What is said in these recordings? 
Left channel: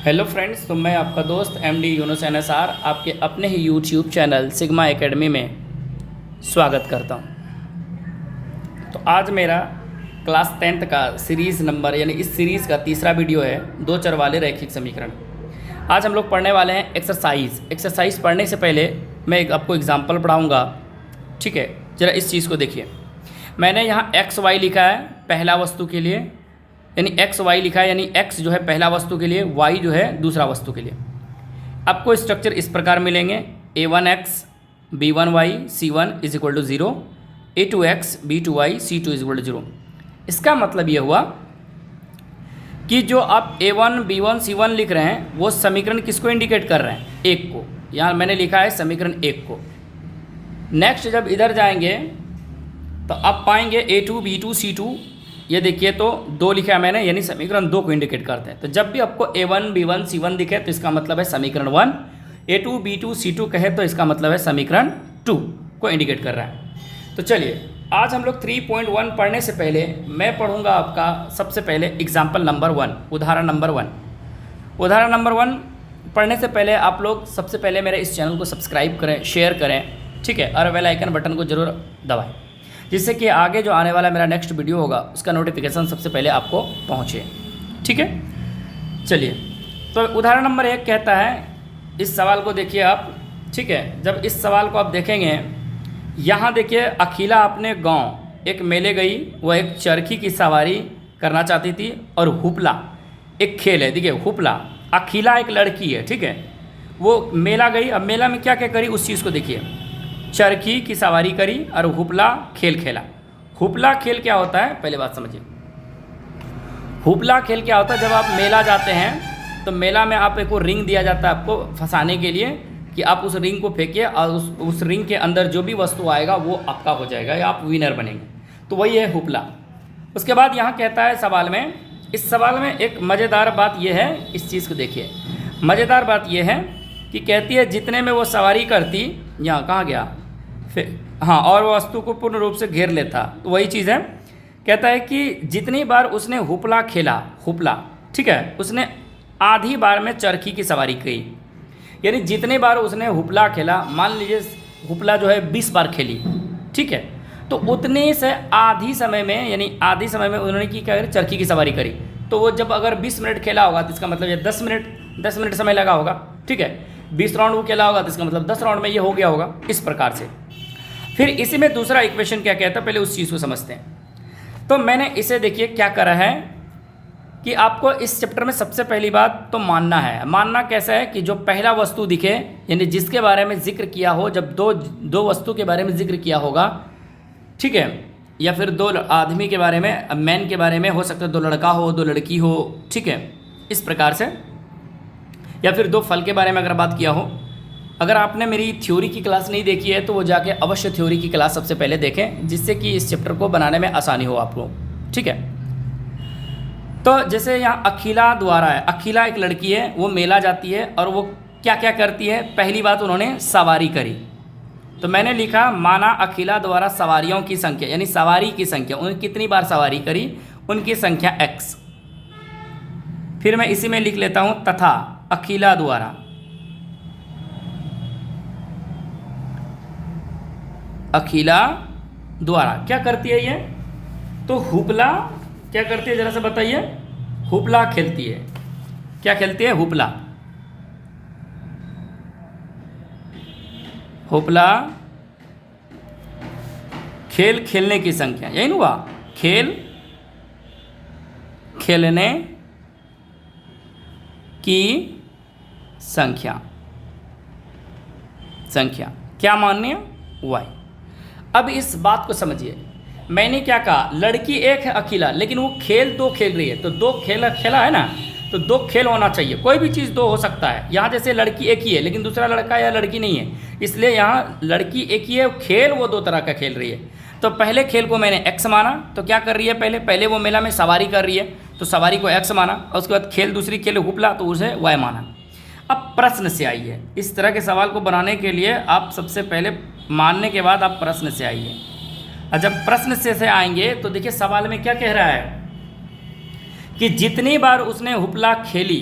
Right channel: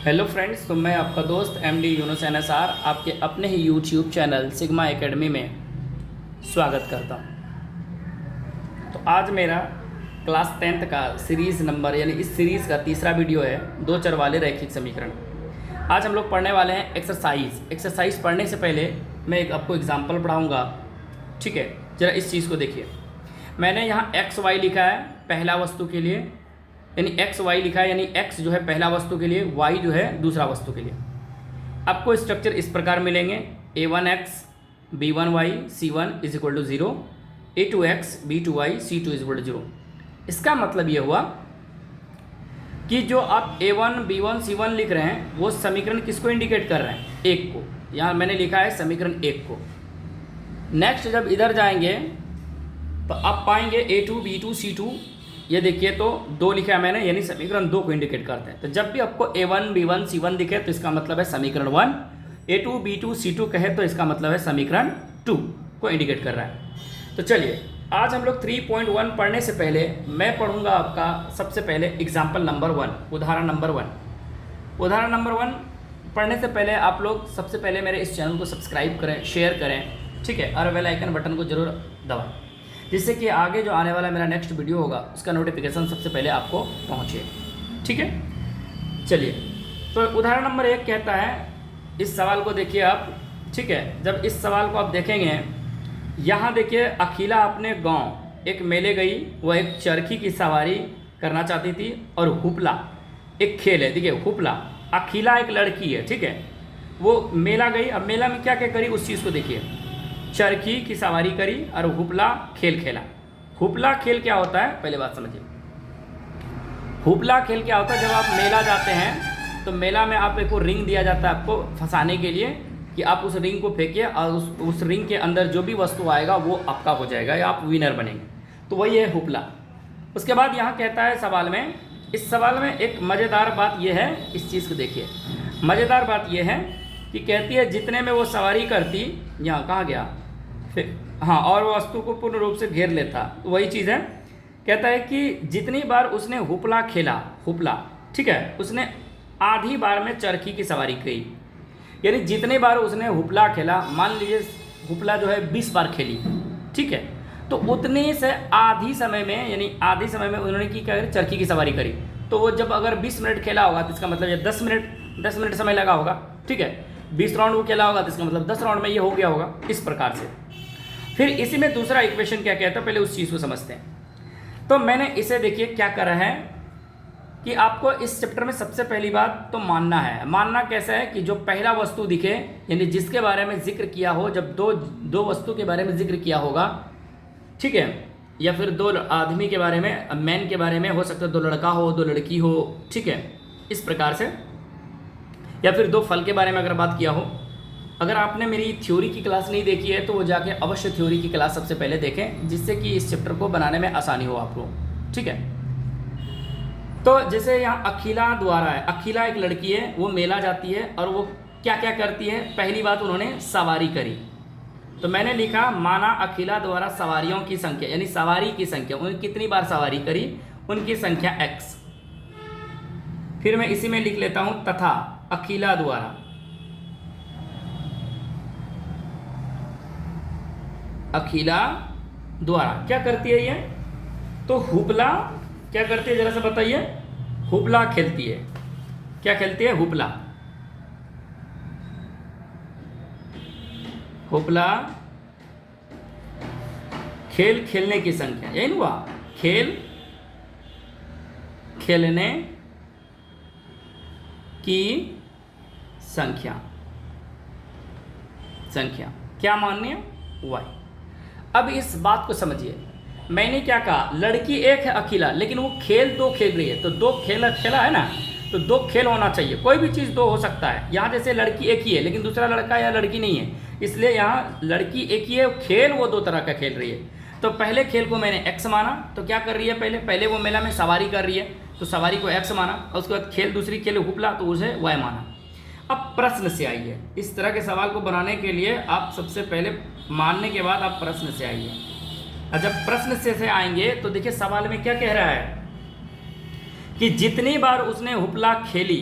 Hello friends, तो मैं आपका दोस्त एमडी यूनुस एनएसआर आपके अपने ही यूट्यूब चैनल सिग्मा एकेडमी में स्वागत करता हूं। तो आज मेरा क्लास 10th का सीरीज़ नंबर यानी इस सीरीज़ का तीसरा वीडियो है दो चर वाले रैखिक समीकरण। आज हम लोग पढ़ने वाले हैं एक्सरसाइज पढ़ने से पहले मैं आपको एग्जाम्पल पढ़ाऊँगा। ठीक है, ज़रा इस चीज़ को देखिए। मैंने यहाँ एक्स वाई लिखा है पहला वस्तु के लिए, यानी एक्स वाई लिखा है, यानी एक्स जो है पहला वस्तु के लिए, वाई जो है दूसरा वस्तु के लिए। आपको स्ट्रक्चर इस प्रकार मिलेंगे: a1x b1y c1 is equal to 0, a2x b2y c2 is equal to 0। इसका मतलब ये हुआ कि जो आप a1 b1 c1 लिख रहे हैं वो समीकरण किसको इंडिकेट कर रहे हैं? एक को। यहाँ मैंने लिखा है समीकरण एक को। नेक्स्ट जब इधर जाएंगे तो आप पाएंगे a2 b2 c2, ये देखिए तो दो लिखा है मैंने, यानी समीकरण दो को इंडिकेट करते हैं। तो जब भी आपको a1 b1 c1 दिखे तो इसका मतलब है समीकरण 1, a2 b2 c2 कहे तो इसका मतलब है समीकरण 2 को इंडिकेट कर रहा है। तो चलिए आज हम लोग 3.1 पढ़ने से पहले मैं पढ़ूंगा आपका सबसे पहले एग्जाम्पल नंबर 1, उदाहरण नंबर 1। उदाहरण नंबर 1 पढ़ने से पहले आप लोग सबसे पहले मेरे इस चैनल को सब्सक्राइब करें, शेयर करें, ठीक है, और बेल आइकन बटन को जरूर दबाएं, जिससे कि आगे जो आने वाला मेरा नेक्स्ट वीडियो होगा उसका नोटिफिकेशन सबसे पहले आपको पहुंचे। ठीक है, चलिए तो उदाहरण नंबर 1 कहता है, इस सवाल को देखिए आप। ठीक है, जब इस सवाल को आप देखेंगे, यहाँ देखिए अखिला अपने गांव एक मेले गई, वह एक चरखी की सवारी करना चाहती थी, और हुपला एक खेल है। देखिए हुपला, अखिला एक लड़की है, ठीक है, वो मेला गई। अब मेला में क्या क्या करी उस चीज़ को देखिए। चरखी की सवारी करी और हुपला खेल खेला। हुपला खेल क्या होता है पहले बात समझिए। हुपला खेल क्या होता है? जब आप मेला जाते हैं तो मेला में आप को रिंग दिया जाता है आपको फंसाने के लिए, कि आप उस रिंग को फेंकिए और उस रिंग के अंदर जो भी वस्तु आएगा वो आपका हो जाएगा या आप विनर बनेंगे। तो वही है हुपला। उसके बाद यहाँ कहता है सवाल में, इस सवाल में एक मज़ेदार बात यह है, इस चीज़ को देखिए। मज़ेदार बात यह है कि कहती है जितने में वो सवारी करती, यहाँ कहाँ गया फिर, हाँ, और वो वस्तु को पूर्ण रूप से घेर लेता। तो वही चीज़ है। कहता है कि जितनी बार उसने हुपला खेला, हुपला, ठीक है, उसने आधी बार में चरखी की सवारी की, यानी जितने बार उसने हुपला खेला, मान लीजिए हुपला जो है 20 बार खेली, ठीक है, तो उतने से आधी समय में, यानी आधी समय में उन्होंने क्या करी, चरखी की सवारी करी। तो वो जब अगर 20 मिनट खेला होगा तो इसका मतलब ये 10 मिनट समय लगा होगा, ठीक है। 20 राउंड वो खेला होगा तो इसका मतलब 10 राउंड में ये हो गया होगा, इस प्रकार से। फिर इसी में दूसरा इक्वेशन क्या कहता है, पहले उस चीज़ को समझते हैं। तो मैंने इसे देखिए क्या करा है कि आपको इस चैप्टर में सबसे पहली बात तो मानना है। मानना कैसा है कि जो पहला वस्तु दिखे, यानी जिसके बारे में जिक्र किया हो, जब दो वस्तु के बारे में जिक्र किया होगा, ठीक है, या फिर दो आदमी के बारे में, मैन के बारे में हो सकता है, दो लड़का हो दो लड़की हो, ठीक है, इस प्रकार से, या फिर दो फल के बारे में अगर बात किया हो। अगर आपने मेरी थ्योरी की क्लास नहीं देखी है तो वो जाके अवश्य थ्योरी की क्लास सबसे पहले देखें, जिससे कि इस चैप्टर को बनाने में आसानी हो आपको, ठीक है। तो जैसे यहाँ अखिला द्वारा है, अखिला एक लड़की है, वो मेला जाती है और वो क्या क्या करती है। पहली बात उन्होंने सवारी करी, तो मैंने लिखा माना अखिला द्वारा सवारियों की संख्या, यानी सवारी की संख्या, उन्होंने कितनी बार सवारी करी, उनकी संख्या x। फिर मैं इसी में लिख लेता हूँ तथा अखिला द्वारा, अखिला द्वारा क्या करती है ये, तो हुपला क्या करती है जरा से बताइए। हुपला खेलती है। क्या खेलती है? हुपला। हुपला खेल खेलने की संख्या, यही ना हुआ, खेल खेलने की संख्या, संख्या क्या मान्य? y। अब इस बात को समझिए, मैंने क्या कहा, लड़की एक है अकेला, लेकिन वो खेल दो खेल रही है, तो दो खेला है ना, तो दो खेल होना चाहिए। कोई भी चीज़ दो हो सकता है। यहाँ जैसे लड़की एक ही है लेकिन दूसरा लड़का या लड़की नहीं है, इसलिए यहाँ लड़की एक ही है, खेल वो दो तरह का खेल रही है। तो पहले खेल को मैंने x माना, तो क्या कर रही है, पहले वो मेला में सवारी कर रही है, तो सवारी को x माना, और उसके बाद खेल दूसरी खेल हुपला, तो उसे y माना। अब प्रश्न से आइए। इस तरह के सवाल को बनाने के लिए आप सबसे पहले मानने के बाद आप प्रश्न से आइए। और जब प्रश्न से आएंगे तो देखिए सवाल में क्या कह रहा है कि जितनी बार उसने हुपला खेली,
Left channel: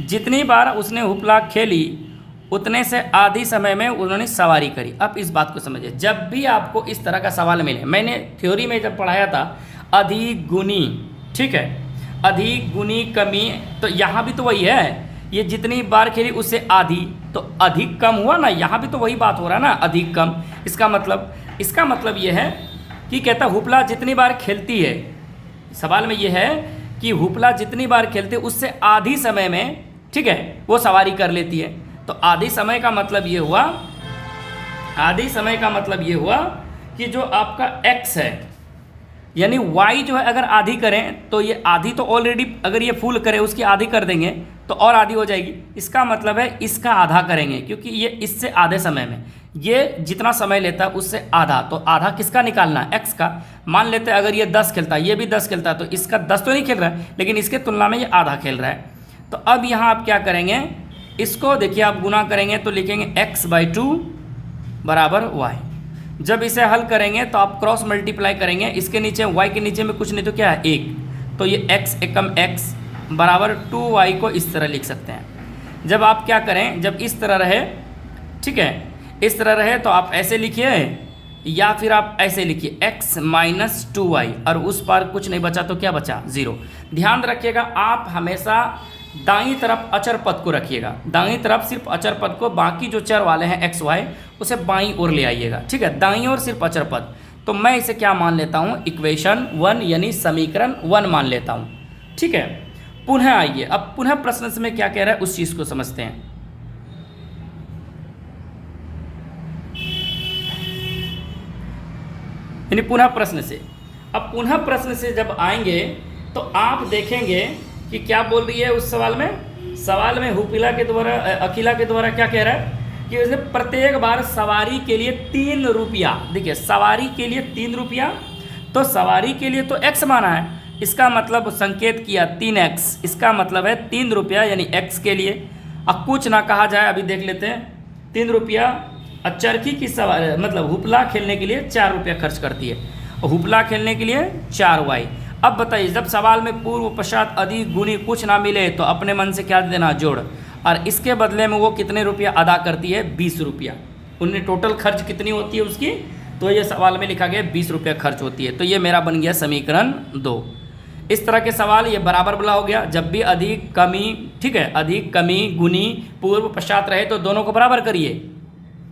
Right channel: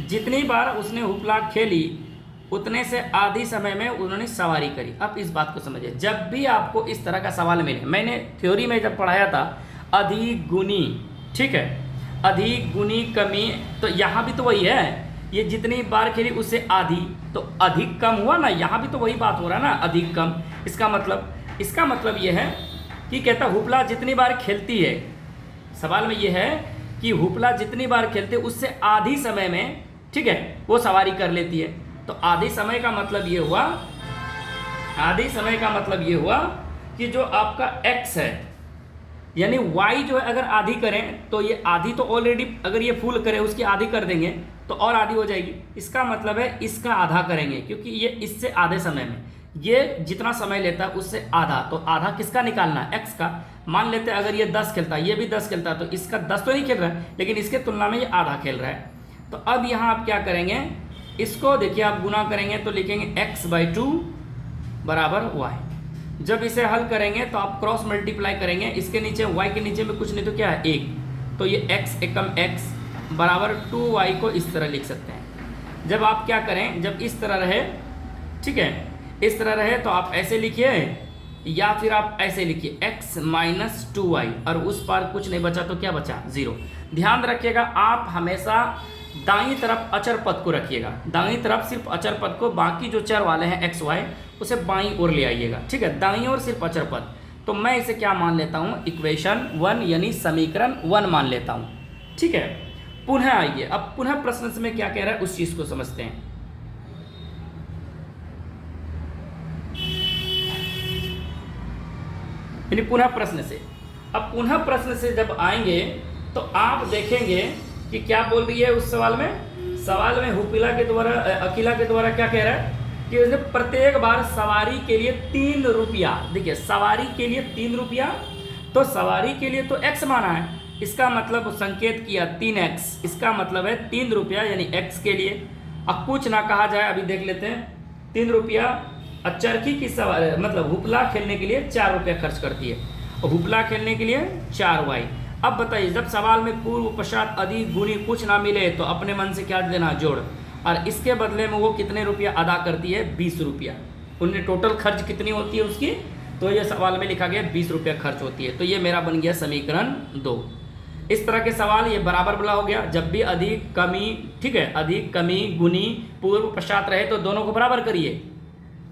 जितनी बार उसने हुपला खेली उतने से आधी समय में उन्होंने सवारी करी। अब इस बात को समझिए, जब भी आपको इस तरह का सवाल मिले, मैंने थ्योरी में जब पढ़ाया था अधिक गुनी, ठीक है, अधिक गुनी कमी, तो यहाँ भी तो वही है, ये जितनी बार खेली उससे आधी, तो अधिक कम हुआ ना, यहाँ भी तो वही बात हो रहा है ना, अधिक कम। इसका मतलब ये है कि कहता हुपला जितनी बार खेलती है, सवाल में ये है कि हुपला जितनी बार खेलते उससे आधी समय में, ठीक है, वो सवारी कर लेती है। तो आधी समय का मतलब ये हुआ, आधी समय का मतलब ये हुआ कि जो आपका x है यानी y जो है, अगर आधी करें तो ये आधी तो ऑलरेडी, अगर ये फुल करे उसकी आधी कर देंगे तो और आधी हो जाएगी। इसका मतलब है इसका आधा करेंगे, क्योंकि ये इससे आधे समय में, ये जितना समय लेता है उससे आधा, तो आधा किसका निकालना है, x का। मान लेते हैं अगर ये 10 खेलता है, ये भी 10 खेलता है, तो इसका 10 तो नहीं खेल रहा है, लेकिन इसके तुलना में ये आधा खेल रहा है। तो अब यहाँ आप क्या करेंगे, इसको देखिए आप गुना करेंगे तो लिखेंगे x/2 बराबर y। जब इसे हल करेंगे तो आप क्रॉस मल्टीप्लाई करेंगे, इसके नीचे y के नीचे में कुछ नहीं तो क्या है 1, तो ये x एकम x बराबर 2y को इस तरह लिख सकते हैं। जब आप क्या करें, जब इस तरह रहे, ठीक है, इस तरह रहे तो आप ऐसे लिखिए या फिर आप ऐसे लिखिए x माइनस 2y, और उस पार कुछ नहीं बचा तो क्या बचा 0। ध्यान रखिएगा आप हमेशा दाईं तरफ अचर पद को रखिएगा, दाईं तरफ सिर्फ अचर पद को, बाकी जो चर वाले हैं x y उसे बाईं ओर ले आइएगा, ठीक है, दाईं ओर सिर्फ अचर पद। तो मैं इसे क्या मान लेता हूँ, इक्वेशन 1 यानी समीकरण 1 मान लेता हूँ, ठीक है। पुनः आइए, अब पुनः प्रश्न में क्या कह रहा है उस चीज को समझते हैं। यानी पुनः प्रश्न से, अब पुनः प्रश्न से जब आएंगे तो आप देखेंगे कि क्या बोल रही है उस सवाल में हुपिला के द्वारा, अखिला के द्वारा क्या कह रहा है कि उसने प्रत्येक बार सवारी के लिए 3 रुपया, देखिए सवारी के लिए 3 रुपया, तो सवारी के लिए तो x माना है, इसका मतलब संकेत किया 3x, इसका मतलब है 3 रुपया यानी x के लिए। अब कुछ ना कहा जाए, अभी देख लेते हैं, 3 रुपया, चरखी की सवारी मतलब हुपला खेलने के लिए 4 रुपया खर्च करती है, और हुपला खेलने के लिए 4y। अब बताइए, जब सवाल में पूर्व पश्चात अधिक गुणी कुछ ना मिले तो अपने मन से क्या देना, जोड़, और इसके बदले में वो कितने रुपया अदा करती है, 20 रुपया। उन्हें टोटल खर्च कितनी होती है उसकी, तो ये सवाल में लिखा गया 20 रुपया खर्च होती है, तो ये मेरा बन गया समीकरण 2। इस तरह के सवाल ये बराबर वाला हो गया, जब भी अधिक कमी, ठीक है, अधिक कमी गुनी पूर्व पश्चात रहे तो दोनों को बराबर करिए,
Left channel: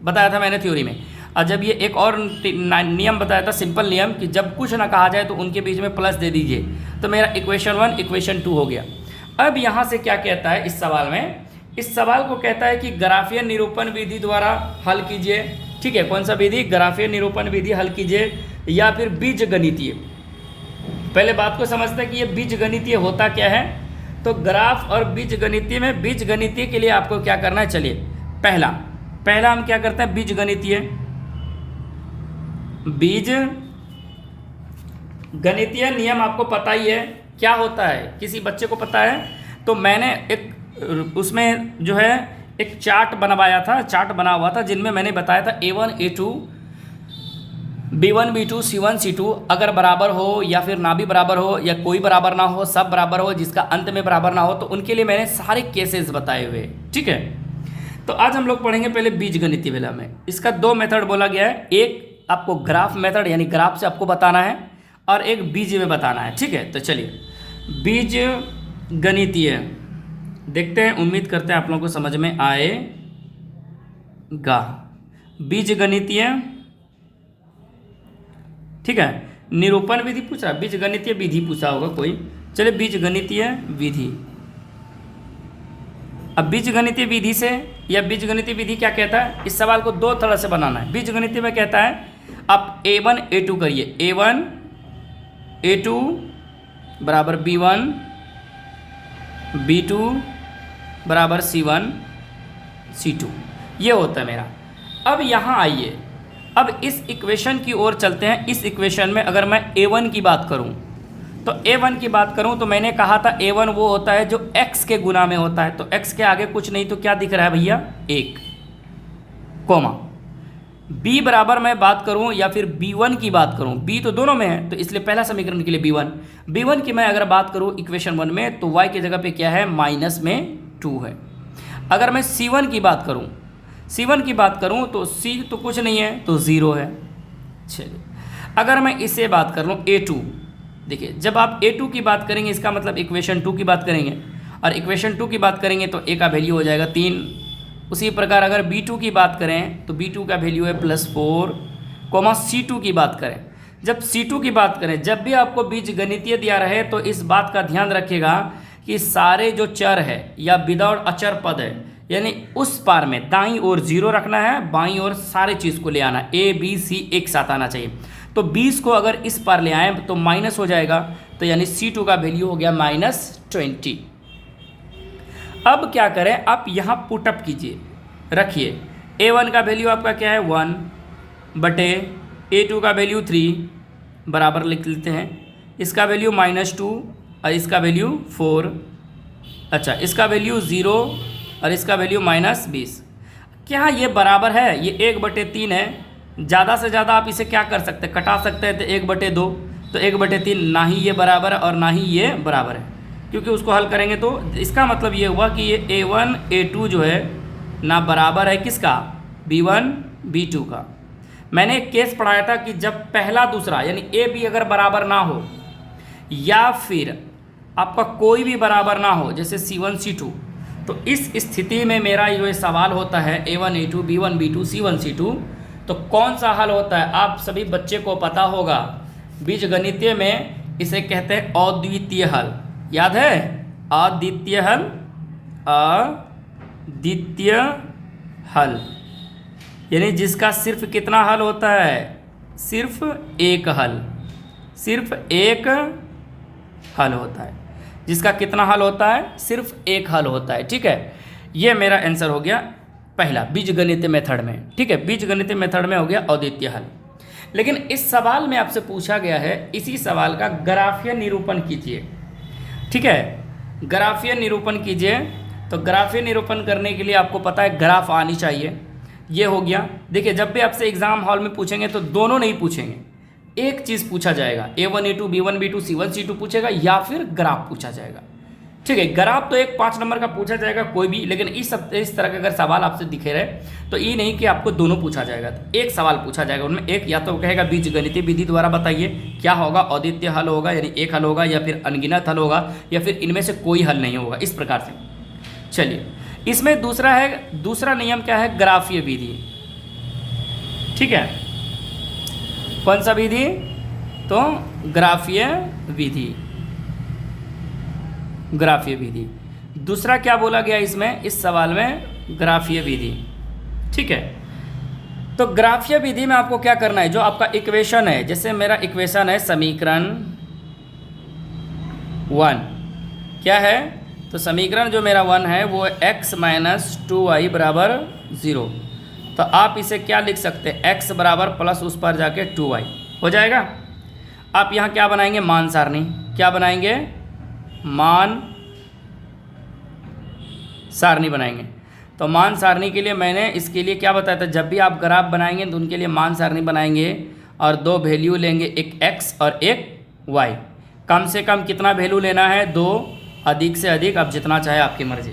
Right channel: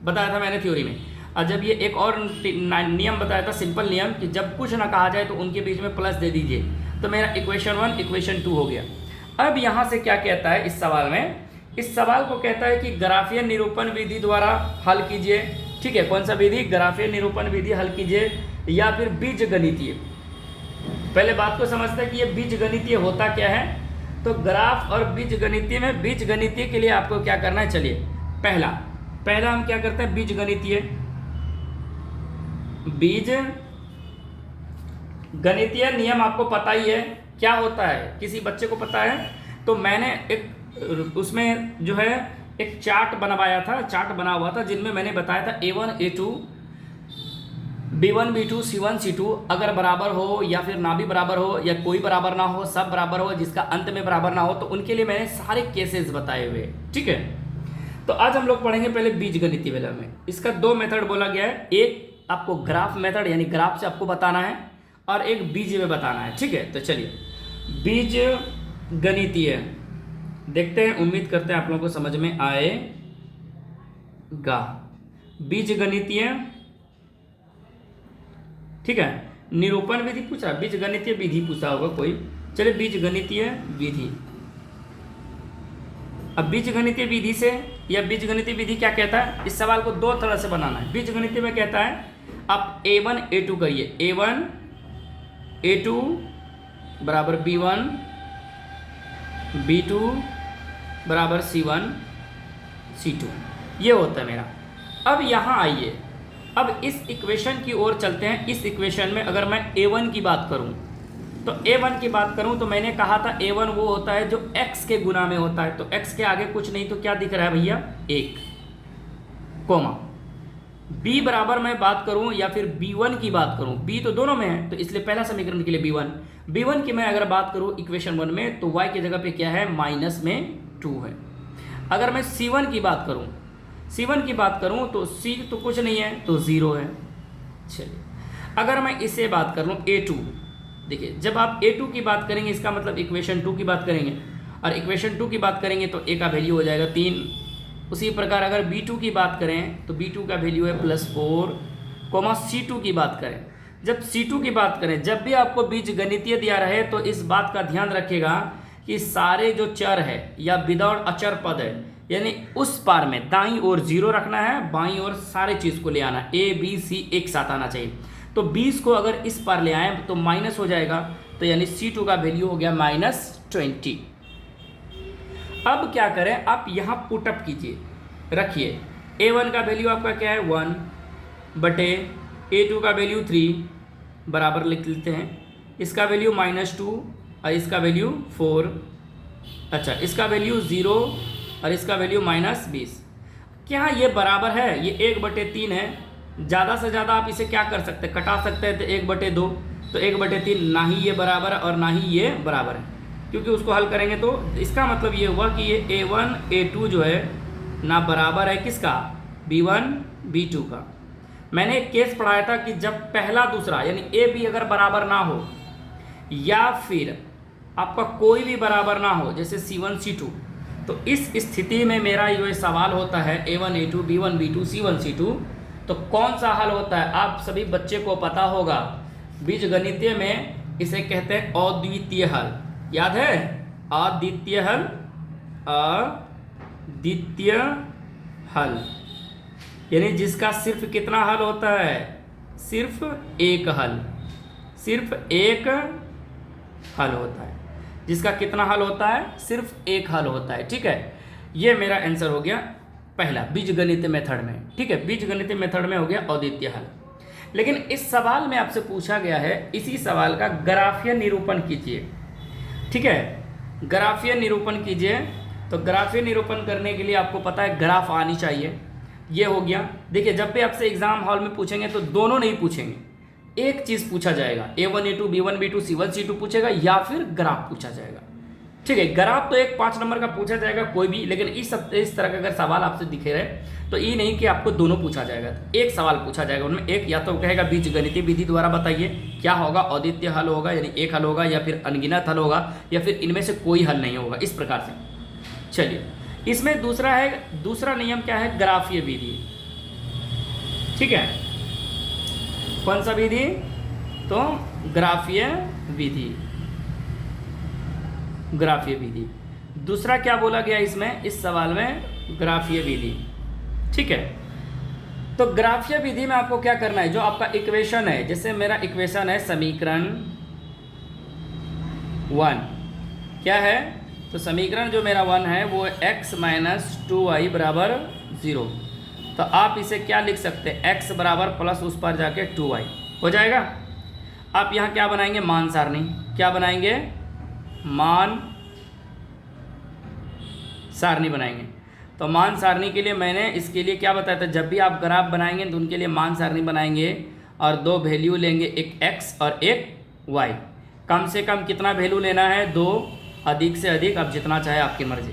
बताया था मैंने थ्योरी में। और जब ये एक और नियम बताया था, सिंपल नियम, कि जब कुछ ना कहा जाए तो उनके बीच में प्लस दे दीजिए, तो मेरा इक्वेशन 1 इक्वेशन 2 हो गया। अब यहाँ से क्या कहता है इस सवाल में, इस सवाल को कहता है कि ग्राफीय निरूपण विधि द्वारा हल कीजिए, ठीक है, कौन सा विधि, ग्राफीय निरूपण विधि हल कीजिए, या फिर बीज गणितीय। पहले बात को समझते हैं कि ये बीज गणितीय होता क्या है। तो ग्राफ और बीज गणितीय में, बीज गणितीय के लिए आपको क्या करना है, चलिए पहला हम क्या करते हैं, बीज गणितीय नियम आपको पता ही है क्या होता है, किसी बच्चे को पता है। तो मैंने एक उसमें जो है एक चार्ट बनवाया था, चार्ट बना हुआ था, जिनमें मैंने बताया था A1 A2 B1 B2 C1 C2 अगर बराबर हो या फिर ना भी बराबर हो, या कोई बराबर ना हो, सब बराबर हो, जिसका अंत में बराबर ना हो, तो उनके लिए मैंने सारे केसेस बताए हुए, ठीक है। तो आज हम लोग पढ़ेंगे पहले बीजगणितीय वाला में। इसका 2 मेथड बोला गया है, एक आपको ग्राफ मेथड यानी ग्राफ से आपको बताना है, और एक बीज में बताना है, ठीक है। तो चलिए बीज गणितीय देखते हैं, उम्मीद करते हैं आप लोगों को समझ में आएगा। बीज गणितीय, ठीक है, निरूपण विधि पूछा, बीज गणितीय विधि पूछा होगा कोई, चलिए बीज गणितीय विधि। अब बीज गणितीय विधि से, या बीज गणितीय विधि क्या कहता है, इस सवाल को 2 तरह से बनाना है। बीज गणितीय में कहता है आप A1 A2 करिए, A1 A2 बराबर B1 B2 बराबर C1 C2, ये होता है मेरा। अब यहाँ आइए, अब इस इक्वेशन की ओर चलते हैं। इस इक्वेशन में अगर मैं A1 की बात करूँ, तो A1 की बात करूँ तो मैंने कहा था A1 वो होता है जो x के गुना में होता है, तो x के आगे कुछ नहीं तो क्या दिख रहा है भैया, 1 कोमा। b बराबर मैं बात करूँ या फिर B1 की बात करूँ, b तो दोनों में है, तो इसलिए पहला समीकरण के लिए B1 की मैं अगर बात करूँ इक्वेशन 1 में, तो y की जगह पे क्या है, माइनस में 2 है। अगर मैं C1 की बात करूं, C1 की बात करूं तो C तो कुछ नहीं है तो 0 है। चलिए अगर मैं इसे बात कर लूँ A2, देखिए जब आप A2 की बात करेंगे इसका मतलब इक्वेशन 2 की बात करेंगे, और इक्वेशन 2 की बात करेंगे तो A का वैल्यू हो जाएगा 3। उसी प्रकार अगर B2 की बात करें तो B2 का वैल्यू है +4, C2 की बात करें, जब C2 की बात करें, जब भी आपको बीज गणितीय दिया रहे तो इस बात का ध्यान रखिएगा कि सारे जो चर है या विदाउट अचर पद है, यानी उस पार में दाईं ओर 0 रखना है, बाईं ओर सारे चीज़ को ले आना है, A B C एक साथ आना चाहिए। तो 20 को अगर इस पार ले आए तो माइनस हो जाएगा, तो यानी C2 का वैल्यू हो गया -20। अब क्या करें, आप यहाँ पुटअप कीजिए, रखिए A1 का वैल्यू आपका क्या है 1 बटे A2 का वैल्यू 3 बराबर लिख लेते हैं, इसका वैल्यू -2 और इसका वैल्यू 4, अच्छा इसका वैल्यू 0 और इसका वैल्यू -20। क्या ये बराबर है? ये 1/3 है, ज़्यादा से ज़्यादा आप इसे क्या कर सकते हैं, कटा सकते हैं, तो 1/2, तो 1/3 ना ही ये बराबर है और ना ही ये बराबर है, क्योंकि उसको हल करेंगे तो इसका मतलब ये हुआ कि ये A1 A2 जो है ना बराबर है किसका, B1 B2 का। मैंने एक केस पढ़ाया था कि जब पहला दूसरा यानी A B अगर बराबर ना हो या फिर आपका कोई भी बराबर ना हो, जैसे C1 C2, तो इस स्थिति में मेरा जो सवाल होता है A1 A2 B1 B2 C1 C2, तो कौन सा हल होता है आप सभी बच्चे को पता होगा, बीज गणितीय में इसे कहते हैं अद्वितीय हल। याद है अद्वितीय हल, अद्वितीय हल यानी जिसका सिर्फ कितना हल होता है, सिर्फ एक हल, सिर्फ एक हल होता है, जिसका कितना हल होता है, सिर्फ एक हल होता है। ठीक है, ये मेरा आंसर हो गया पहला बीजगणितीय मेथड में। ठीक है, बीजगणितीय मेथड में हो गया अद्वितीय हल। लेकिन इस सवाल में आपसे पूछा गया है, इसी सवाल का ग्राफीय निरूपण कीजिए। ठीक है, ग्राफीय निरूपण कीजिए। तो ग्राफीय निरूपण करने के लिए आपको पता है ग्राफ आनी चाहिए। ये हो गया। देखिए जब भी आपसे एग्जाम हॉल में पूछेंगे तो दोनों नहीं पूछेंगे, एक चीज़ पूछा जाएगा, A1 A2 B1 B2 C1 C2 पूछेगा या फिर ग्राफ पूछा जाएगा। ठीक है, ग्राफ तो एक 5 नंबर का पूछा जाएगा कोई भी, लेकिन इस तरह का अगर सवाल आपसे दिखे रहे तो ये नहीं कि आपको दोनों पूछा जाएगा, तो एक सवाल पूछा जाएगा उनमें एक, या तो कहेगा बीजगणितीय विधि द्वारा बताइए क्या होगा, अद्वितीय हल होगा यानी एक हल होगा, या फिर अनगिनत हल होगा, या फिर इनमें से कोई हल नहीं होगा, इस प्रकार से। चलिए इसमें दूसरा नियम क्या है, ग्राफीय विधि। ठीक है, कौन सा विधि, तो ग्राफीय विधि, ग्राफीय विधि। दूसरा क्या बोला गया इसमें, इस सवाल में ग्राफीय विधि। ठीक है, तो ग्राफीय विधि में आपको क्या करना है, जो आपका इक्वेशन है, जैसे मेरा इक्वेशन है समीकरण 1 क्या है, तो समीकरण जो मेरा 1 है वो x - 2y = 0। तो आप इसे क्या लिख सकते हैं, x बराबर प्लस उस पर जाके 2y हो जाएगा। आप यहाँ क्या बनाएंगे, मान सारणी, क्या बनाएंगे, मान सारणी बनाएंगे। तो मान सारणी के लिए मैंने इसके लिए क्या बताया था, जब भी आप ग्राफ बनाएंगे तो उनके लिए मान सारणी बनाएंगे और दो वैल्यू लेंगे, एक x और एक y। कम से कम कितना वैल्यू लेना है, 2, अधिक से अधिक आप जितना चाहे आपकी मर्जी।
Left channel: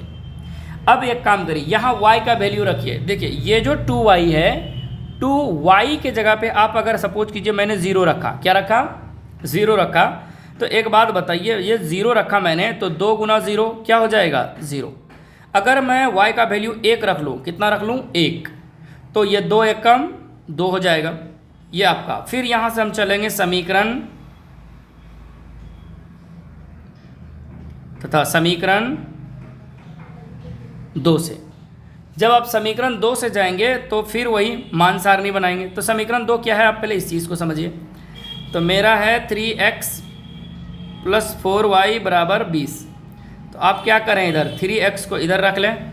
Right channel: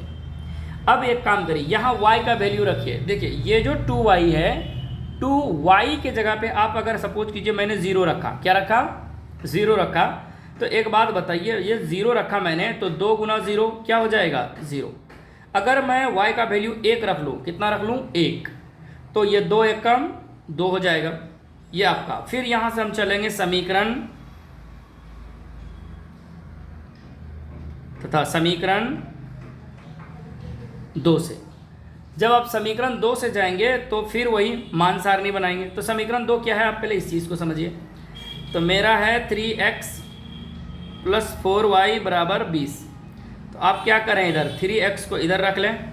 अब एक काम करिए, यहाँ y का वैल्यू रखिए। देखिए ये जो 2y है, 2y के जगह पे आप अगर सपोज कीजिए मैंने 0 रखा, क्या रखा, 0 रखा, तो एक बात बताइए, ये 0 रखा मैंने तो 2 × 0 क्या हो जाएगा, 0। अगर मैं y का वैल्यू 1 रख लूँ, कितना रख लूँ, 1, तो ये 2 1 कम 2 हो जाएगा, ये आपका। फिर यहाँ से हम चलेंगे समीकरण तथा समीकरण 2 से। जब आप समीकरण 2 से जाएंगे तो फिर वही मान सारणी बनाएंगे। तो समीकरण 2 क्या है, आप पहले इस चीज़ को समझिए। तो मेरा है 3x + 4y = 20। तो आप क्या करें, इधर 3x को इधर रख लें,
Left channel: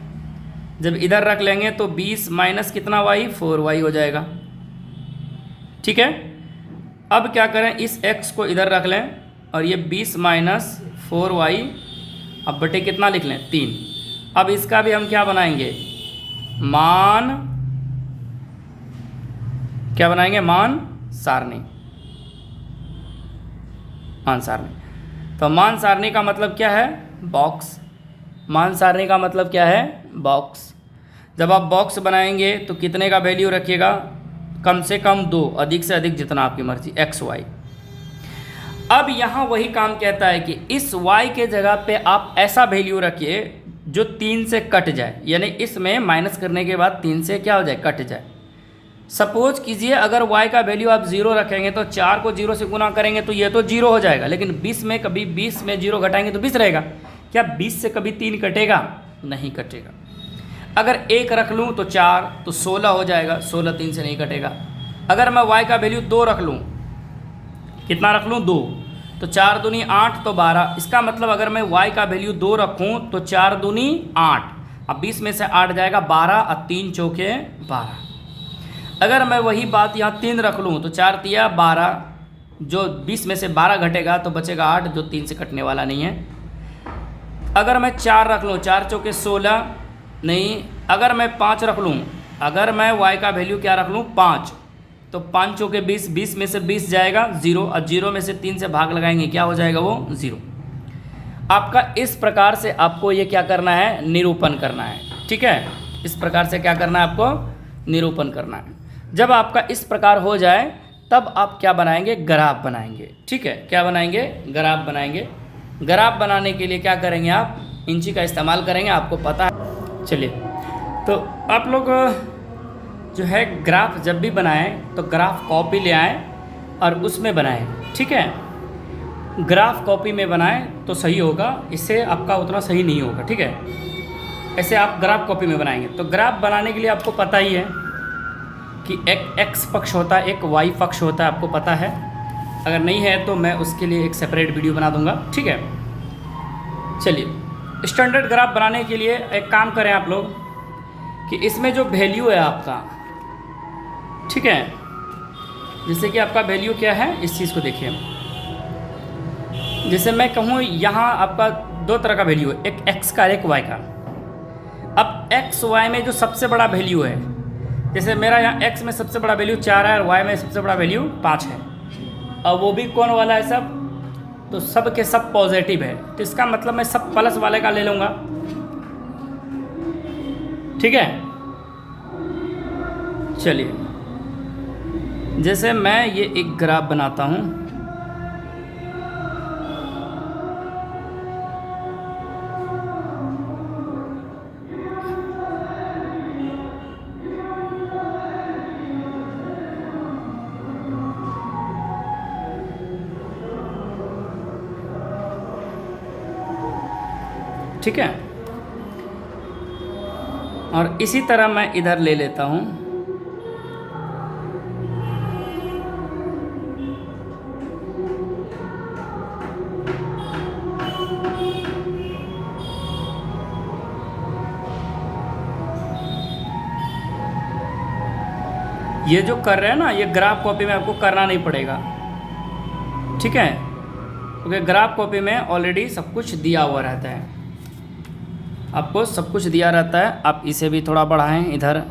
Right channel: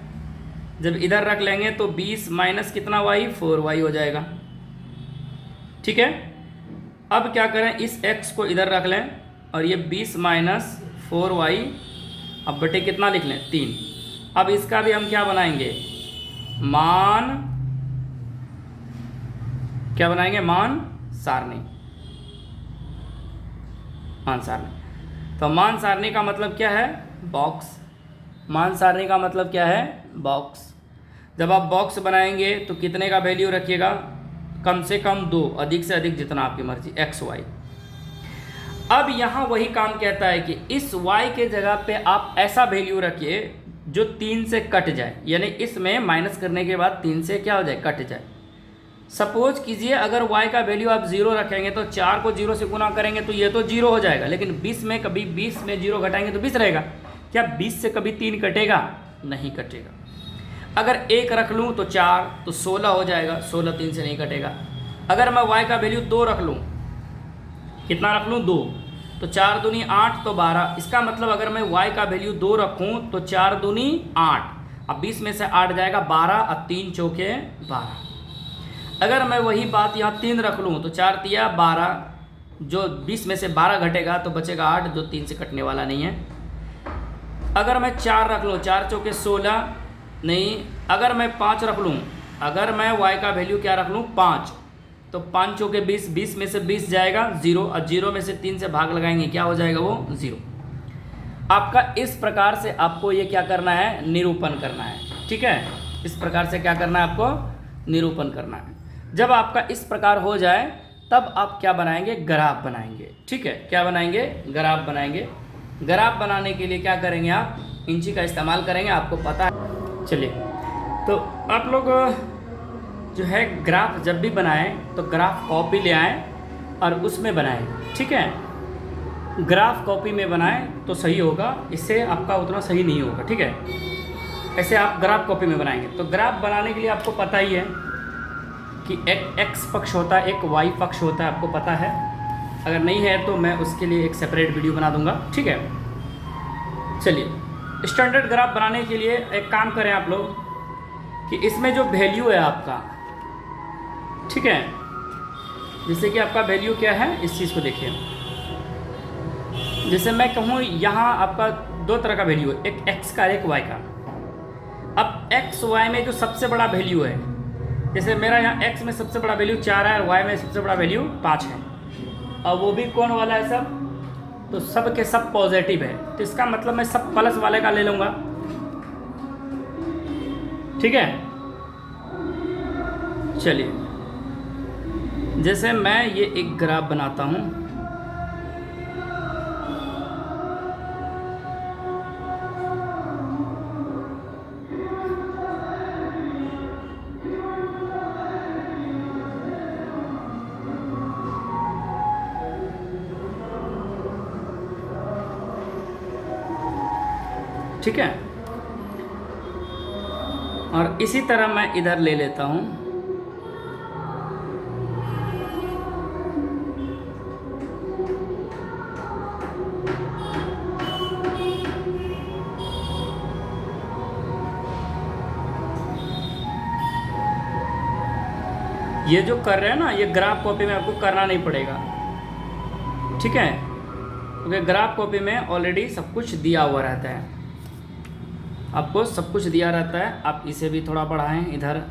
जब इधर रख लेंगे तो 20 माइनस कितना y, 4y हो जाएगा। ठीक है, अब क्या करें, इस x को इधर रख लें और ये 20 माइनस 4y, अब बटे कितना लिख लें, 3। अब इसका भी हम क्या बनाएंगे, मान, क्या बनाएंगे, मान सारणी, मान सारणी। तो मान सारणी का मतलब क्या है, बॉक्स। मान सारणी का मतलब क्या है? बॉक्स। जब आप बॉक्स बनाएंगे तो कितने का वैल्यू रखिएगा? कम से कम 2, अधिक से अधिक जितना आपकी मर्जी, एक्स वाई। अब यहाँ वही काम कहता है कि इस y के जगह पे आप ऐसा वैल्यू रखिए जो 3 से कट जाए, यानी इसमें माइनस करने के बाद 3 से क्या हो जाए? कट जाए। सपोज कीजिए अगर y का वैल्यू आप 0 रखेंगे तो 4 को 0 से गुना करेंगे तो ये तो 0 हो जाएगा, लेकिन 20 में कभी 20 में 0 घटाएंगे तो 20 रहेगा। क्या 20 से कभी 3 कटेगा? नहीं कटेगा। अगर 1 रख लूँ तो 4 तो 16 हो जाएगा, 16 3 से नहीं कटेगा। अगर मैं y का वैल्यू 2 रख लूँ, कितना रख लूँ? 2, तो 4 दूनी 8 तो 12। इसका मतलब अगर मैं y का वैल्यू 2 रखूँ तो 4 दूनी 8, अब 20 में से 8 जाएगा 12 और 3 चौके 12। अगर मैं वही बात यहाँ 3 रख लूँ तो 4 तिया 12, जो 20 में से 12 घटेगा तो बचेगा 8, जो 3 से कटने वाला नहीं है। अगर मैं 4 रख लूँ, 4 चौके 16 नहीं। अगर मैं 5 रख लूँ, अगर मैं y का वैल्यू क्या रख लूँ? 5, तो 5 चौके 20, 20 में से 20 जाएगा 0, और 0 में से 3 से भाग लगाएंगे, क्या हो जाएगा वो? 0। आपका इस प्रकार से आपको ये क्या करना है? निरूपण करना है। ठीक है, इस प्रकार से क्या करना है आपको? निरूपण करना है। जब आपका इस प्रकार हो जाए तब आप क्या बनाएंगे? ग्राफ बनाएंगे। ठीक है, क्या बनाएंगे? ग्राफ बनाएंगे। ग्राफ बनाने के लिए क्या करेंगे आप? इंची का इस्तेमाल करेंगे, आपको पता है। चलिए, तो आप लोग जो है ग्राफ जब भी बनाएं तो ग्राफ कॉपी ले आएँ और उसमें बनाएं। ठीक है, ग्राफ कॉपी में बनाएं तो सही होगा, इससे आपका उतना सही नहीं होगा। ठीक है, ऐसे आप ग्राफ कॉपी में बनाएंगे। तो ग्राफ बनाने के लिए आपको पता ही है कि एक एक्स पक्ष होता है, एक वाई पक्ष होता है, आपको पता है। अगर नहीं है तो मैं उसके लिए एक सेपरेट वीडियो बना दूंगा। ठीक है, चलिए, स्टैंडर्ड ग्राफ बनाने के लिए एक काम करें आप लोग कि इसमें जो वैल्यू है आपका, ठीक है, जैसे कि आपका वैल्यू क्या है इस चीज़ को देखिए। जैसे मैं कहूँ यहाँ आपका 2 तरह का वैल्यू है, एक x का एक y का। अब x y में जो सबसे बड़ा वैल्यू है, जैसे मेरा यहाँ x में सबसे बड़ा वैल्यू 4 है और y में सबसे बड़ा वैल्यू 5 है, और वो भी कौन वाला है? सब, तो सब के सब पॉजिटिव है, तो इसका मतलब मैं सब प्लस वाले का ले लूँगा। ठीक है, चलिए, जैसे मैं ये एक ग्राफ बनाता हूँ। ठीक है, और इसी तरह मैं इधर ले लेता हूँ। ये जो कर रहे हैं ना, ये ग्राफ कॉपी में आपको करना नहीं पड़ेगा। ठीक है, क्योंकि ग्राफ कॉपी में ऑलरेडी सब कुछ दिया हुआ रहता है, आपको सब कुछ दिया रहता है। आप इसे भी थोड़ा बढ़ाएं इधर,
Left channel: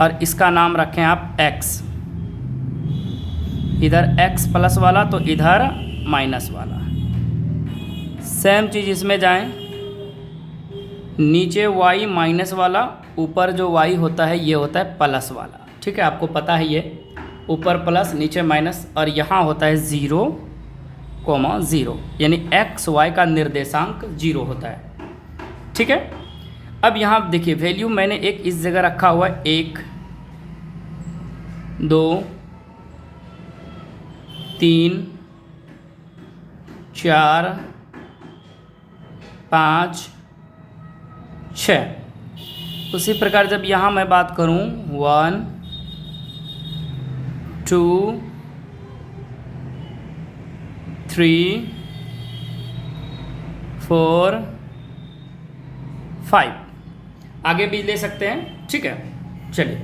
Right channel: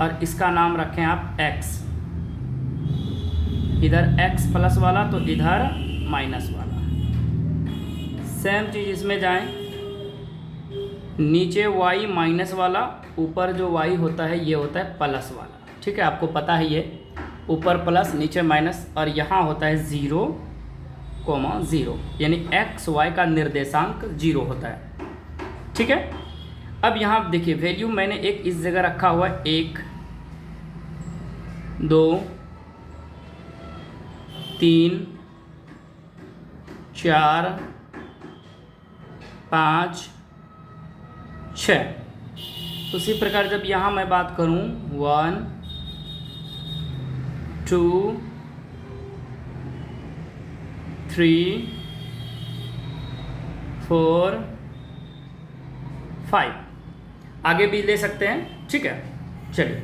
और इसका नाम रखें आप x। इधर x प्लस वाला तो इधर माइनस वाला। सेम चीज़ इसमें जाएं, नीचे y माइनस वाला, ऊपर जो y होता है ये होता है प्लस वाला। ठीक है, आपको पता है ये ऊपर प्लस नीचे माइनस, और यहाँ होता है 0,0, यानी x y का निर्देशांक 0 होता है। ठीक है, अब यहाँ देखिए वैल्यू मैंने एक इस जगह रखा हुआ है, 1 2 3 4 5 6। उसी प्रकार जब यहाँ मैं बात करूँ 1 2 3 4 5, आगे भी ले सकते हैं। ठीक है, चलिए,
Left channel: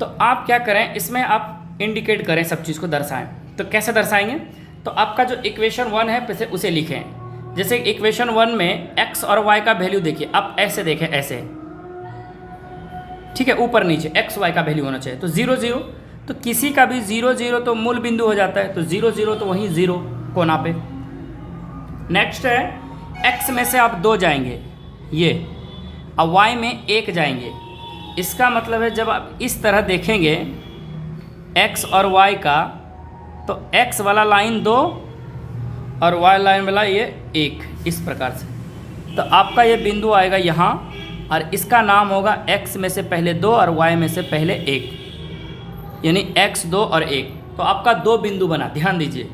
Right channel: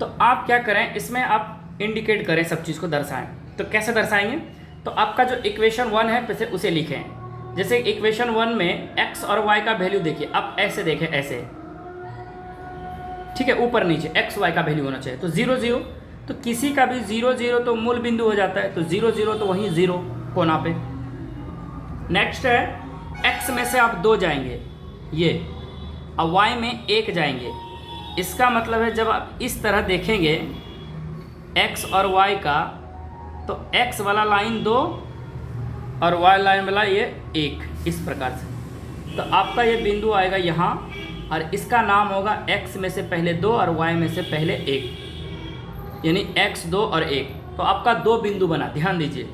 तो आप क्या करें, इसमें आप इंडिकेट करें, सब चीज़ को दर्शाएं। तो कैसे दर्शाएंगे? तो आपका जो इक्वेशन 1 है पहले उसे लिखें। जैसे इक्वेशन 1 में x और y का वैल्यू देखिए, आप ऐसे देखें, ऐसे। ठीक है, ऊपर नीचे x y का वैल्यू होना चाहिए। तो 0 0, तो किसी का भी 0 0 तो मूल बिंदु हो जाता है, तो 0 0 तो वहीं 0 कोना पे। नेक्स्ट है x में से आप 2 जाएंगे ये, अब y में 1 जाएंगे। इसका मतलब है जब आप इस तरह देखेंगे x और y का, तो x वाला लाइन 2 और y लाइन वाला ये 1, इस प्रकार से। तो आपका ये बिंदु आएगा यहाँ, और इसका नाम होगा x में से पहले 2 और y में से पहले 1, यानी x 2 और 1। तो आपका 2 बिंदु बना, ध्यान दीजिए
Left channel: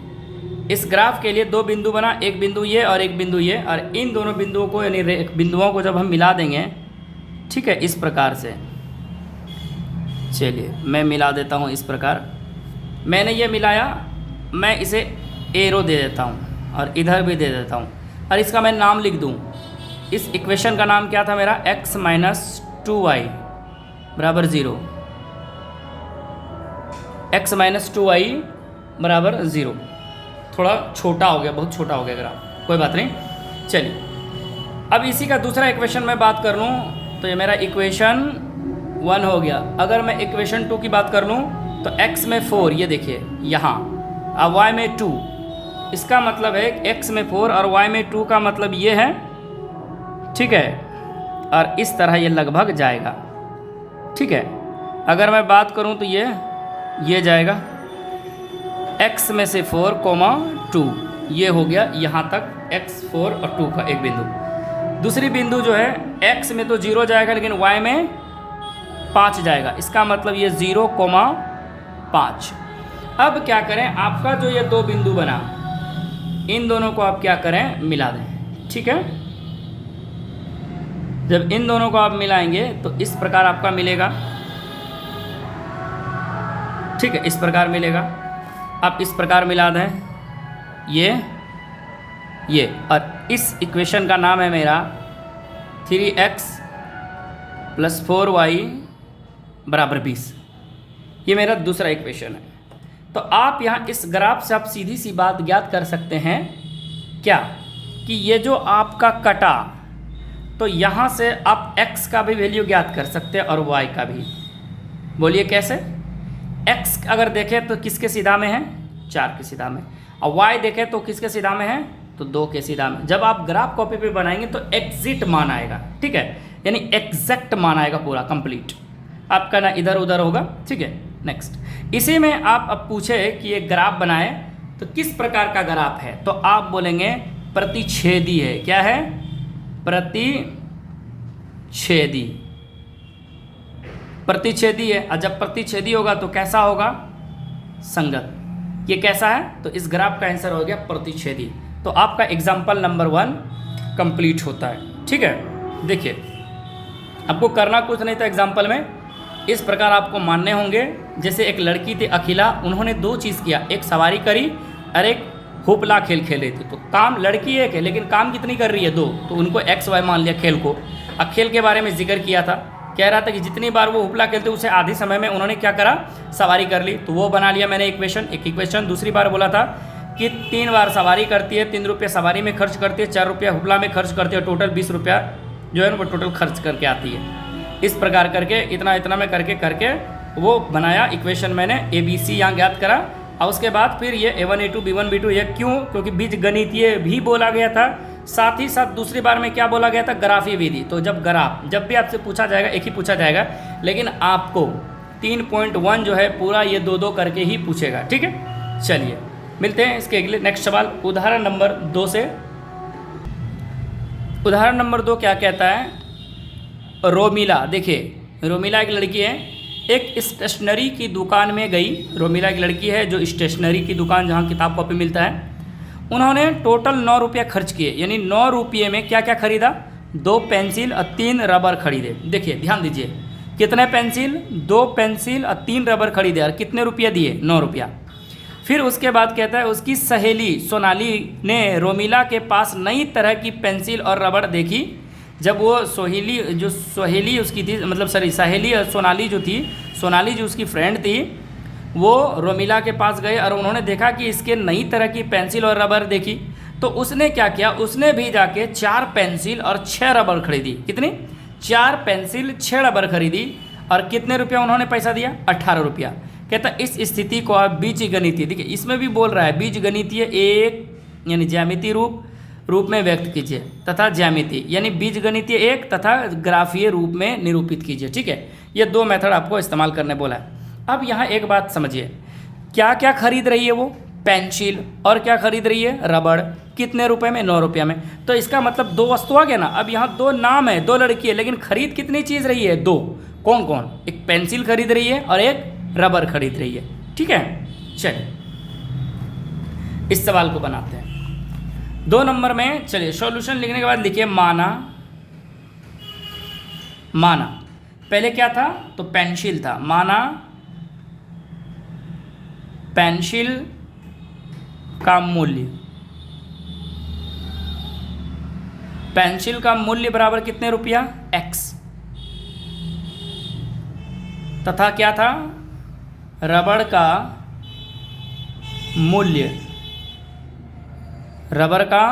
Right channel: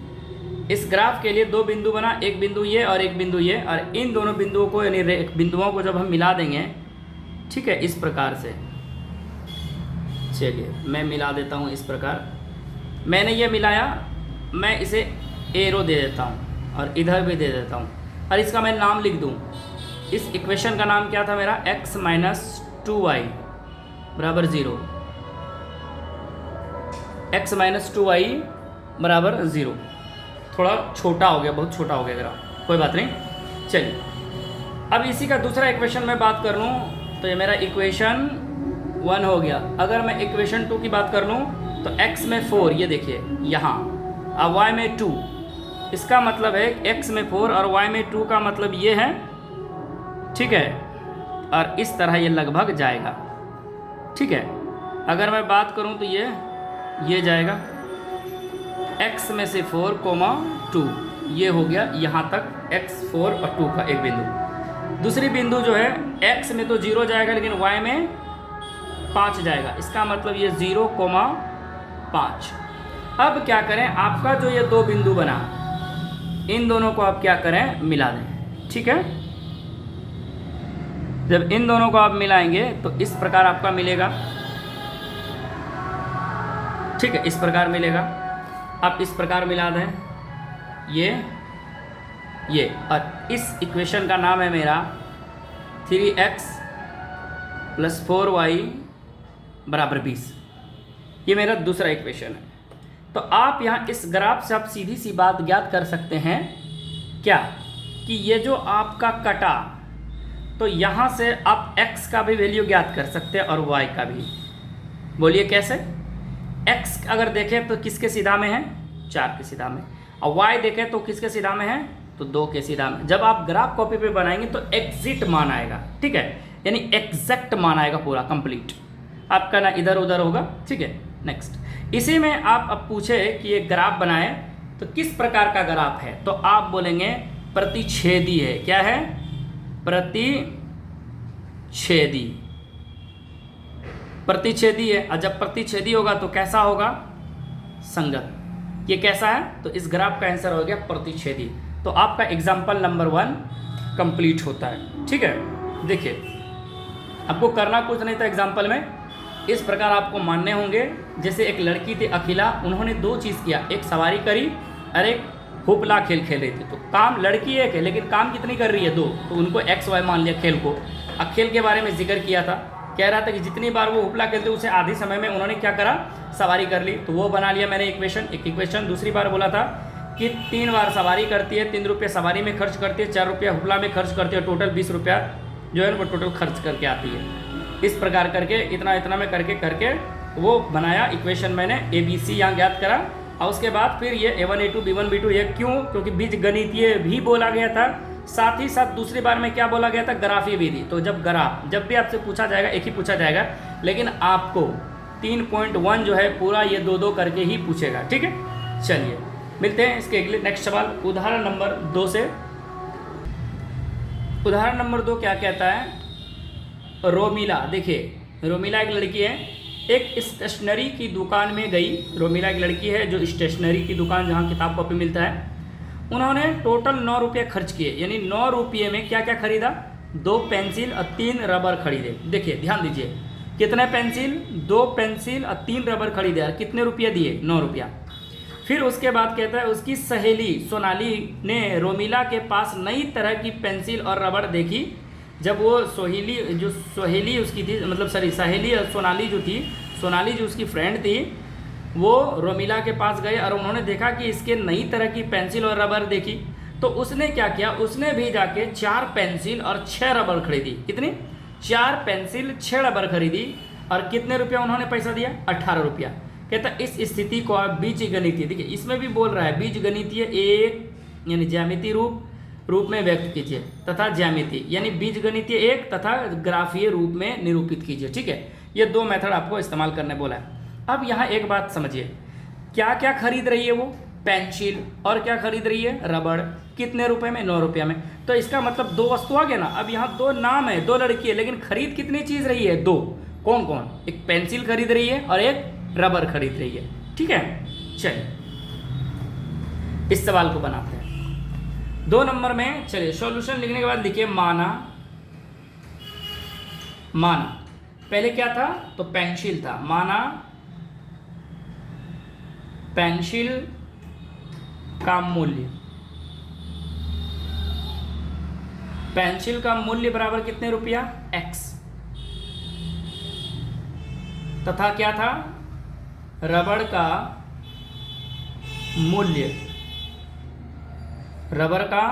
इस ग्राफ के लिए 2 बिंदु बना, एक बिंदु ये और एक बिंदु ये, और इन दोनों बिंदुओं को यानी बिंदुओं को जब हम मिला देंगे, ठीक है, इस प्रकार से। चलिए मैं मिला देता हूँ इस प्रकार। मैंने ये मिलाया, मैं इसे एरो दे देता हूँ और इधर भी दे देता हूँ, और इसका मैं नाम लिख दूँ। इस इक्वेशन का नाम क्या था मेरा, x - 2y बराबर 0, x - 2y बराबर 0। थोड़ा छोटा हो गया, बहुत छोटा हो गया ग्राफ, कोई बात नहीं। चलिए अब इसी का दूसरा इक्वेशन में बात कर लूँ, तो ये मेरा इक्वेशन 1 हो गया। अगर मैं इक्वेशन 2 की बात कर लूँ तो x में 4, ये देखिए यहाँ, अब y में 2, इसका मतलब है x में 4 और y में 2 का मतलब ये है, ठीक है, और इस तरह ये लगभग जाएगा, ठीक है। अगर मैं बात करूँ तो ये जाएगा x में से 4, 2, ये हो गया यहाँ तक x 4 और 2 का एक बिंदु। दूसरी बिंदु जो है x में तो 0 जाएगा, लेकिन y में 5 जाएगा, इसका मतलब ये 0, 5। अब क्या करें, आपका जो ये 2 बिंदु बना, इन दोनों को आप क्या करें, मिला दें, ठीक है। जब इन दोनों को आप मिलाएंगे तो इस प्रकार आपका मिलेगा, ठीक है, इस प्रकार मिलेगा। आप इस प्रकार मिला दें ये, और इस इक्वेशन का नाम है मेरा 3x + 4y बराबर 20। ये मेरा दूसरा इक्वेशन है। तो आप यहाँ इस ग्राफ से आप सीधी सी बात ज्ञात कर सकते हैं क्या, कि ये जो आपका कटा, तो यहाँ से आप x का भी वैल्यू ज्ञात कर सकते हैं और y का भी। बोलिए कैसे। x अगर देखें तो किसके सीधा में है, 4 के सीधा में, और y देखें तो किसके सीधा में है, तो 2 के सीधा में। जब आप ग्राफ कॉपी पे बनाएंगे तो एग्जिट मान आएगा, ठीक है, यानी एग्जैक्ट मान आएगा पूरा कंप्लीट, आपका ना इधर उधर होगा, ठीक है। नेक्स्ट, इसी में आप अब पूछे कि ये ग्राफ बनाए तो किस प्रकार का ग्राफ है, तो आप बोलेंगे प्रतिच्छेदी है। क्या है, प्रतिच्छेदी है। और जब प्रतिच्छेदी होगा तो कैसा होगा, संगत। ये कैसा है, तो इस ग्राफ का आंसर हो गया प्रतिच्छेदी। तो आपका एग्जाम्पल नंबर 1 कंप्लीट होता है, ठीक है। देखिए आपको करना कुछ नहीं था एग्जाम्पल में, इस प्रकार आपको मानने होंगे। जैसे एक लड़की थी अखिला, उन्होंने 2 चीज़ किया, एक सवारी करी और एक हुपला खेल खेल रही थी। तो काम लड़की एक है, लेकिन काम कितनी कर रही है, 2, तो उनको XY मान लिया खेल को। अब खेल के बारे में जिक्र किया था, कह रहा था कि जितनी बार वो हुपला खेलते उसे आधी समय में उन्होंने क्या करा, सवारी कर ली। तो वो बना लिया मैंने इक्वेशन, एक इक्वेशन। दूसरी बार बोला था कि 3 बार सवारी करती है, 3 रुपये सवारी में खर्च करती है, 4 रुपये हुपला में खर्च करती है, टोटल 20 रुपया जो है वो टोटल खर्च करके आती है। इस प्रकार करके इतना में करके वो बनाया इक्वेशन, मैंने ABC यहाँ ज्ञात करा। और उसके बाद फिर ये A1 A2 B1 B2, ये क्यों, क्योंकि बीज गणितीय भी बोला गया था, साथ ही साथ दूसरी बार में क्या बोला गया था, ग्राफीय विधि। तो जब भी आपसे पूछा जाएगा, एक ही पूछा जाएगा, लेकिन आपको 3.1 जो है पूरा ये 2 करके ही पूछेगा, ठीक है। चलिए मिलते हैं इसके अगले नेक्स्ट सवाल उदाहरण नंबर 2 से। उदाहरण नंबर 2 क्या कहता है, रोमिला। देखिए रोमिला एक लड़की है, एक स्टेशनरी की दुकान में गई। रोमिला एक लड़की है जो स्टेशनरी की दुकान, जहाँ किताब कॉपी मिलता है। उन्होंने टोटल 9 रुपये खर्च किए, यानी 9 रुपये में क्या क्या खरीदा, 2 पेंसिल और 3 रबर खरीदे। देखिए ध्यान दीजिए, कितने पेंसिल, 2 पेंसिल और 3 रबर खरीदे, और कितने रुपये दिए, 9 रुपया। फिर उसके बाद कहता है उसकी सहेली सोनाली ने रोमिला के पास नई तरह की पेंसिल और रबड़ देखी। जब वो सहेली उसकी थी, मतलब सहेली सोनाली जो उसकी फ्रेंड थी, वो रोमिला के पास गए और उन्होंने देखा कि इसके नई तरह की पेंसिल और रबर देखी। तो उसने क्या किया, उसने भी जाके 4 पेंसिल और 6 रबर खरीदी। कितनी, 4 पेंसिल 6 रबर खरीदी। और कितने रुपया उन्होंने पैसा दिया, 18 रुपया। कहता इस स्थिति को आप बीजगणितीय, देखिए इसमें भी बोल रहा है बीजगणितीय एक यानी ज्यामितीय रूप रूप में व्यक्त कीजिए तथा ज्यामिति यानी बीजगणितीय एक तथा ग्राफीय रूप में निरूपित कीजिए। ठीक है, ये 2 मेथड आपको इस्तेमाल करने बोला है। अब यहाँ एक बात समझिए, क्या क्या खरीद रही है वो, पेंसिल, और क्या खरीद रही है, रबड़। कितने रुपए में, 9 रुपये में। तो इसका मतलब 2 वस्तु आ गया ना। अब यहाँ 2 नाम है, 2 लड़की है, लेकिन खरीद कितनी चीज़ रही है, 2। कौन कौन, एक पेंसिल खरीद रही है और एक रबर खरीद रही है। ठीक है, चलिए इस सवाल को बनाते हैं। 2 नंबर में चलिए सॉल्यूशन लिखने के बाद लिखिए माना। माना पहले क्या था, तो पेंसिल था। माना पेंसिल का मूल्य, पेंसिल का मूल्य बराबर कितने रुपया, x, तथा क्या था, रबड़ का मूल्य, रबर का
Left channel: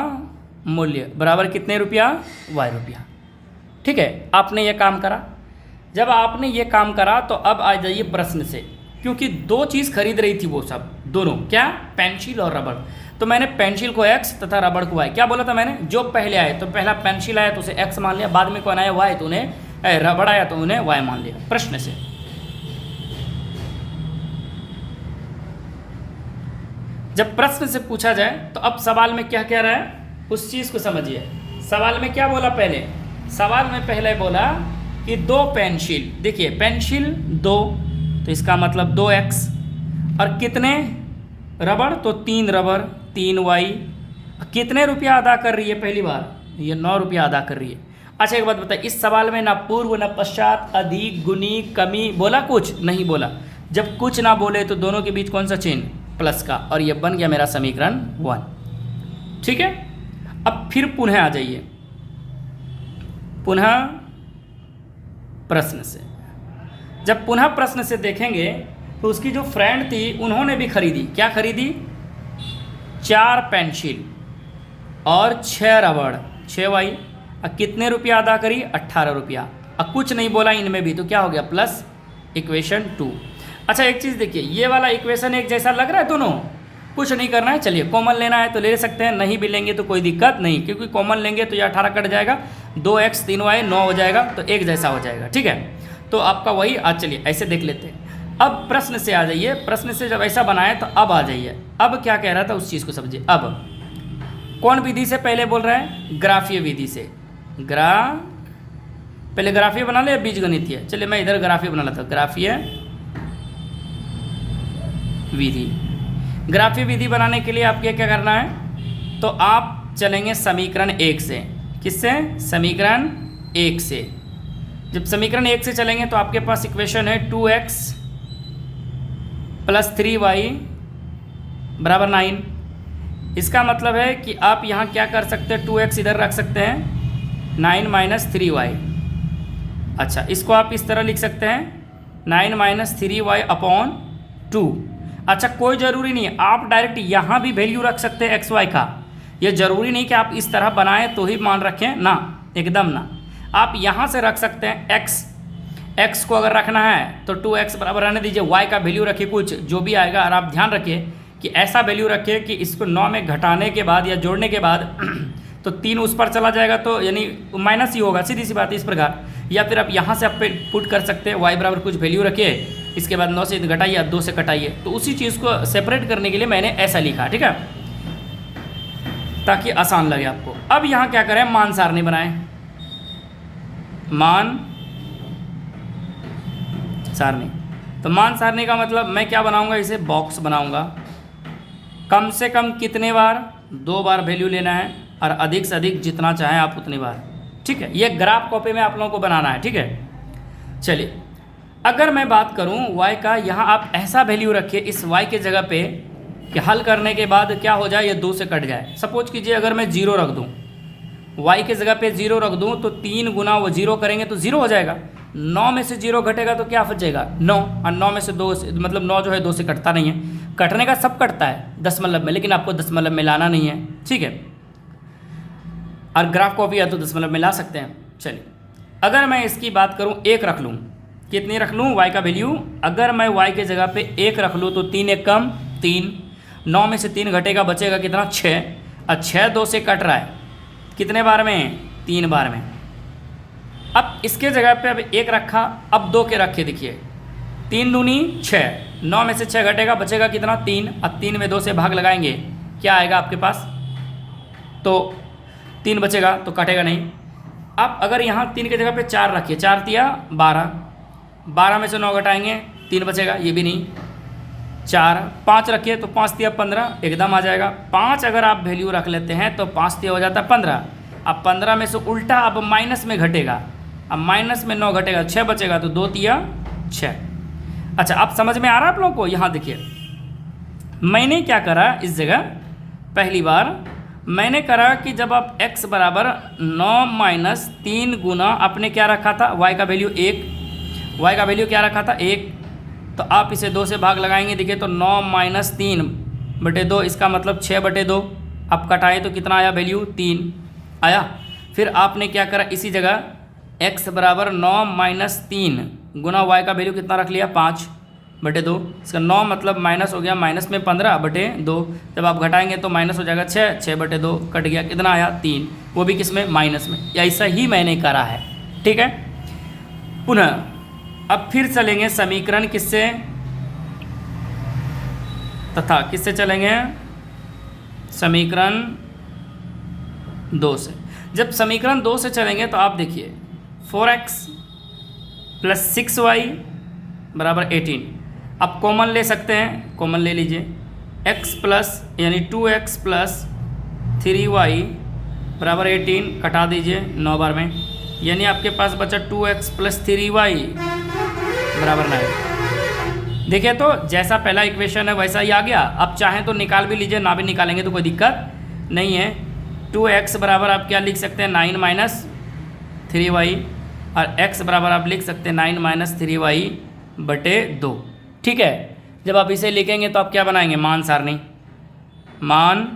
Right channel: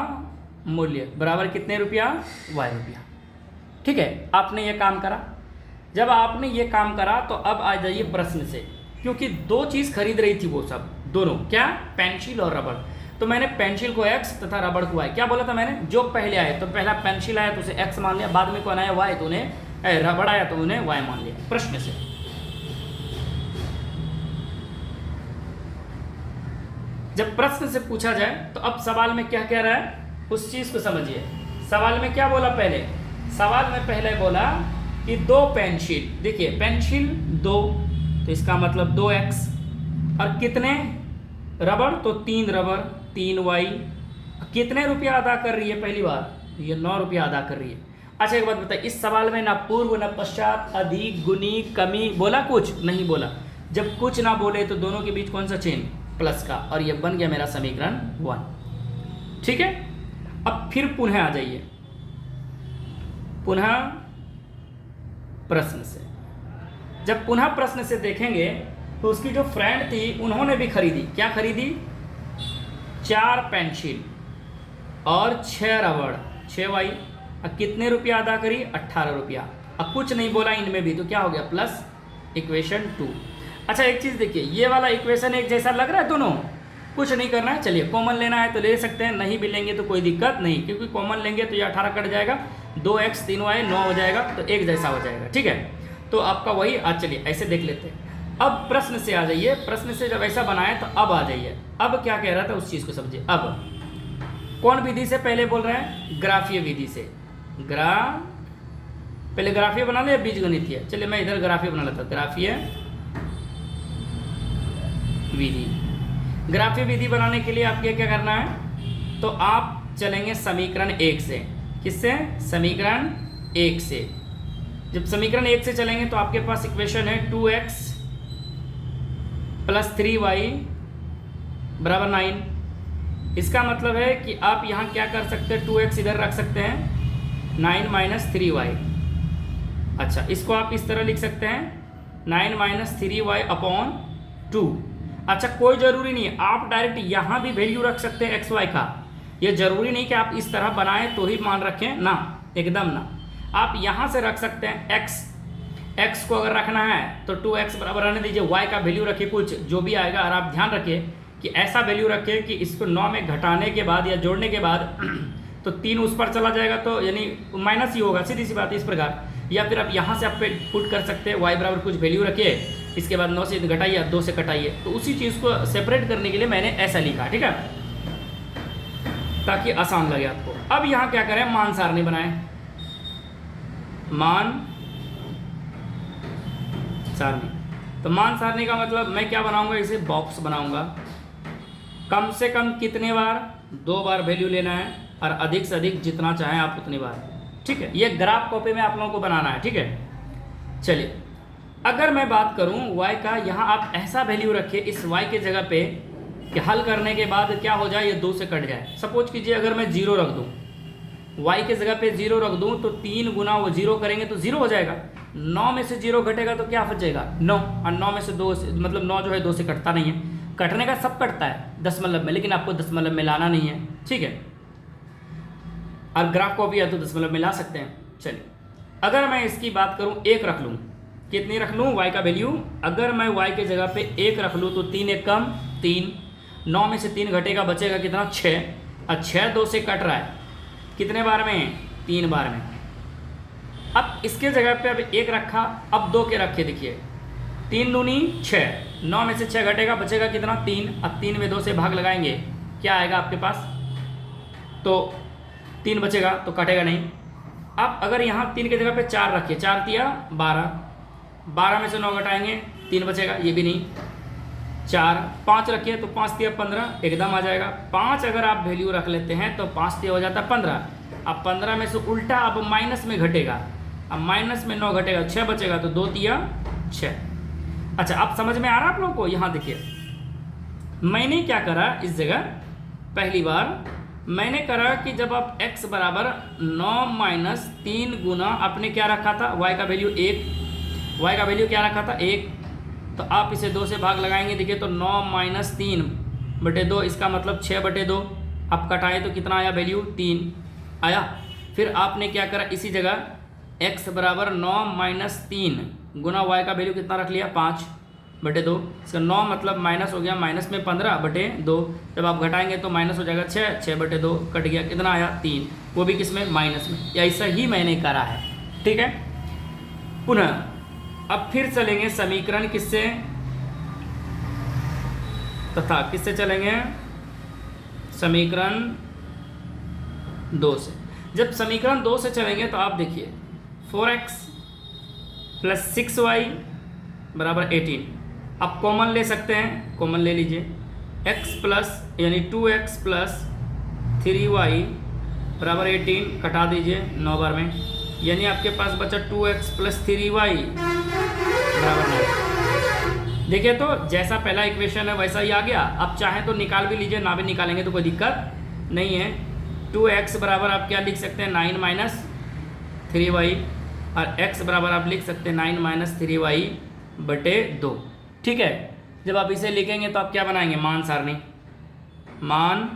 मूल्य बराबर कितने रुपया, y रुपया। ठीक है, आपने ये काम करा। जब आपने ये काम करा तो अब आ जाइए प्रश्न से, क्योंकि 2 चीज़ खरीद रही थी वो सब, दोनों क्या, पेंसिल और रबड़। तो मैंने पेंसिल को x तथा रबड़ को y, क्या बोला था मैंने, जो पहले आए तो पहला पेंसिल आया तो उसे x मान लिया, बाद में कौन आया y, तो उन्हें रबड़ आया तो उन्हें y मान लिया। प्रश्न से जब प्रश्न से पूछा जाए तो अब सवाल में क्या कह रहा है उस चीज़ को समझिए। सवाल में क्या बोला, पहले सवाल में पहले बोला कि 2 पेंसिल, देखिए पेंसिल 2 तो इसका मतलब 2x, और कितने रबड़, तो 3 रबड़ 3y। कितने रुपया अदा कर रही है, पहली बार ये 9 रुपया अदा कर रही है। अच्छा एक बात बताइए, इस सवाल में ना पूर्व ना पश्चात, अधिक, गुनी, कमी बोला, कुछ नहीं बोला। जब कुछ ना बोले तो दोनों के बीच कौन सा चिन्ह, प्लस का, और ये बन गया मेरा समीकरण 1। ठीक है, अब फिर पुनः आ जाइए, पुनः प्रश्न से। जब पुनः प्रश्न से देखेंगे तो उसकी जो फ्रेंड थी उन्होंने भी खरीदी, क्या खरीदी, 4 पेंसिल और 6 रबड़ 6y। अब कितने रुपया अदा करी, 18 रुपया। अब कुछ नहीं बोला इनमें भी, तो क्या हो गया, प्लस इक्वेशन 2। अच्छा एक चीज़ देखिए, ये वाला इक्वेशन एक जैसा लग रहा है दोनों, कुछ नहीं करना है। चलिए कॉमन लेना है तो ले सकते हैं, नहीं भी लेंगे तो कोई दिक्कत नहीं, क्योंकि कॉमन लेंगे तो ये 18 कट जाएगा, 2x 3y 9 हो जाएगा, तो एक जैसा हो जाएगा। ठीक है, तो आपका वही। आज चलिए ऐसे देख लेते हैं। अब प्रश्न से आ जाइए, प्रश्न से जब ऐसा बनाए तो अब आ जाइए, अब क्या कह रहा था उस चीज़ को समझिए। अब कौन विधि से पहले बोल रहा है, ग्राफीय विधि से। पहले ग्राफीय बना ले या बीजगणितीय, चलिए मैं इधर ग्राफीय बना लेता हूँ, ग्राफीय विधि। ग्राफीय विधि बनाने के लिए आपको क्या करना है, तो आप चलेंगे समीकरण 1 से। किससे, समीकरण 1 से। जब समीकरण 1 से चलेंगे तो आपके पास इक्वेशन है 2x + 3y बराबर 9। इसका मतलब है कि आप यहाँ क्या कर सकते हैं, 2x इधर रख सकते हैं, 9 - 3y। अच्छा इसको आप इस तरह लिख सकते हैं, 9 - 3y / 2। अच्छा कोई ज़रूरी नहीं है, आप डायरेक्ट यहाँ भी वैल्यू रख सकते हैं x y का। ये ज़रूरी नहीं कि आप इस तरह बनाएं तो ही मान रखें ना, एकदम ना। आप यहाँ से रख सकते हैं x को अगर रखना है तो 2x बराबर रहने दीजिए, y का वैल्यू रखिए कुछ जो भी आएगा। और आप ध्यान रखिए कि ऐसा वैल्यू रखिए कि इसको 9 में घटाने के बाद या जोड़ने के बाद तो 3 उस पर चला जाएगा, तो यानी माइनस ही होगा, सीधी सी बात है इस प्रकार। या फिर आप यहाँ से आप पुट कर सकते हैं, y बराबर कुछ वैल्यू रखिए, इसके बाद 9 से घटाइए या 2 से कटाइए। तो उसी चीज़ को सेपरेट करने के लिए मैंने ऐसा लिखा, ठीक है, ताकि आसान लगे आपको। अब यहाँ क्या करें, मान सारणी बनाएं, मान सारणी। तो मान सारणी का मतलब मैं क्या बनाऊंगा, इसे बॉक्स बनाऊंगा। कम से कम कितने बार, 2 बार वैल्यू लेना है, और अधिक से अधिक जितना चाहें आप उतनी बार। ठीक है, ये ग्राफ कॉपी में आप लोगों को बनाना है। ठीक है, चलिए अगर मैं बात करूं y का, यहाँ आप ऐसा वैल्यू रखिए इस y के जगह पे कि हल करने के बाद क्या हो जाए, ये 2 से कट जाए। सपोज कीजिए अगर मैं 0 रख दूं, y के जगह पे 0 रख दूं, तो 3 गुना वो 0 करेंगे तो 0 हो जाएगा। 9 में से 0 घटेगा तो क्या बचेगा, 9। और 9 में से 2 मतलब 9 जो है 2 से कटता नहीं है। कटने का सब कटता है दशमलव में, लेकिन आपको दशमलव में लाना नहीं है। ठीक है, और ग्राफ को भी या तो दशमलव में ला सकते हैं। चलिए अगर मैं इसकी बात करूं, 1 रख लूं, कितनी रख लूं, y का वैल्यू। अगर मैं y के जगह पे 1 रख लूं तो 3 1 कम 3, 9 में से 3 घटेगा, बचेगा कितना, 6। और 6 2 से कट रहा है कितने बार में? 3 बार में। अब इसके जगह पे अब 1 रखा, अब 2 के रखे, देखिए 3 दूनी 6, 9 में से 6 घटेगा, बचेगा कितना? 3। अब 3 में 2 से भाग लगाएंगे, क्या आएगा आपके पास? तो 3 बचेगा, तो कटेगा नहीं। अब अगर यहाँ 3 की जगह पे 4 रखिए, 4 तिया 12, 12 में से 9 घटाएंगे, 3 बचेगा, ये भी नहीं। 4, 5 रखिए तो 5 तिया 15, एकदम आ जाएगा। 5 अगर आप वैल्यू रख लेते हैं तो 5 तिया हो जाता है 15। अब 15 में से उल्टा अब माइनस में घटेगा, अब माइनस में 9 घटेगा, 6 बचेगा, तो 2 तिया 6। अच्छा, अब समझ में आ रहा है आप लोगों को? यहाँ देखिए मैंने क्या करा इस जगह, पहली बार मैंने करा कि जब आप x बराबर 9 माइनस 3 गुना आपने क्या रखा था? y का वैल्यू 1, y का वैल्यू क्या रखा था? 1। तो आप इसे 2 से भाग लगाएंगे, देखिए तो 9 माइनस 3 बटे 2, इसका मतलब 6 बटे 2। अब कटाए तो कितना आया वैल्यू? 3 आया। फिर आपने क्या करा, इसी जगह x बराबर 9 माइनस 3 गुना y का वैल्यू कितना रख लिया? 5 बटे 2। इसका 9 मतलब माइनस हो गया, माइनस में 15 बटे 2। जब आप घटाएंगे तो माइनस हो जाएगा 6, 6 बटे 2 कट गया, कितना आया? 3। वो भी किस में? माइनस में। ऐसा ही मैंने करा है, ठीक है। पुनः अब फिर चलेंगे समीकरण किससे, तथा किससे चलेंगे? समीकरण 2 से। जब समीकरण 2 से चलेंगे तो आप देखिए 4x प्लस 6y बराबर 18। आप कॉमन ले सकते हैं, कॉमन ले लीजिए। x प्लस यानी 2x प्लस 3y बराबर 18, कटा दीजिए 9 बार में, यानी आपके पास बचा 2x प्लस 3y बराबर 9। देखिए तो जैसा पहला इक्वेशन है वैसा ही आ गया। आप चाहें तो निकाल भी लीजिए, ना भी निकालेंगे तो कोई दिक्कत नहीं है। 2x बराबर आप क्या लिख सकते हैं? 9 माइनस 3y, और x बराबर आप लिख सकते हैं 9 माइनस 3y बटे 2, ठीक है। जब आप इसे लिखेंगे तो आप क्या बनाएंगे? मान सारणी, मान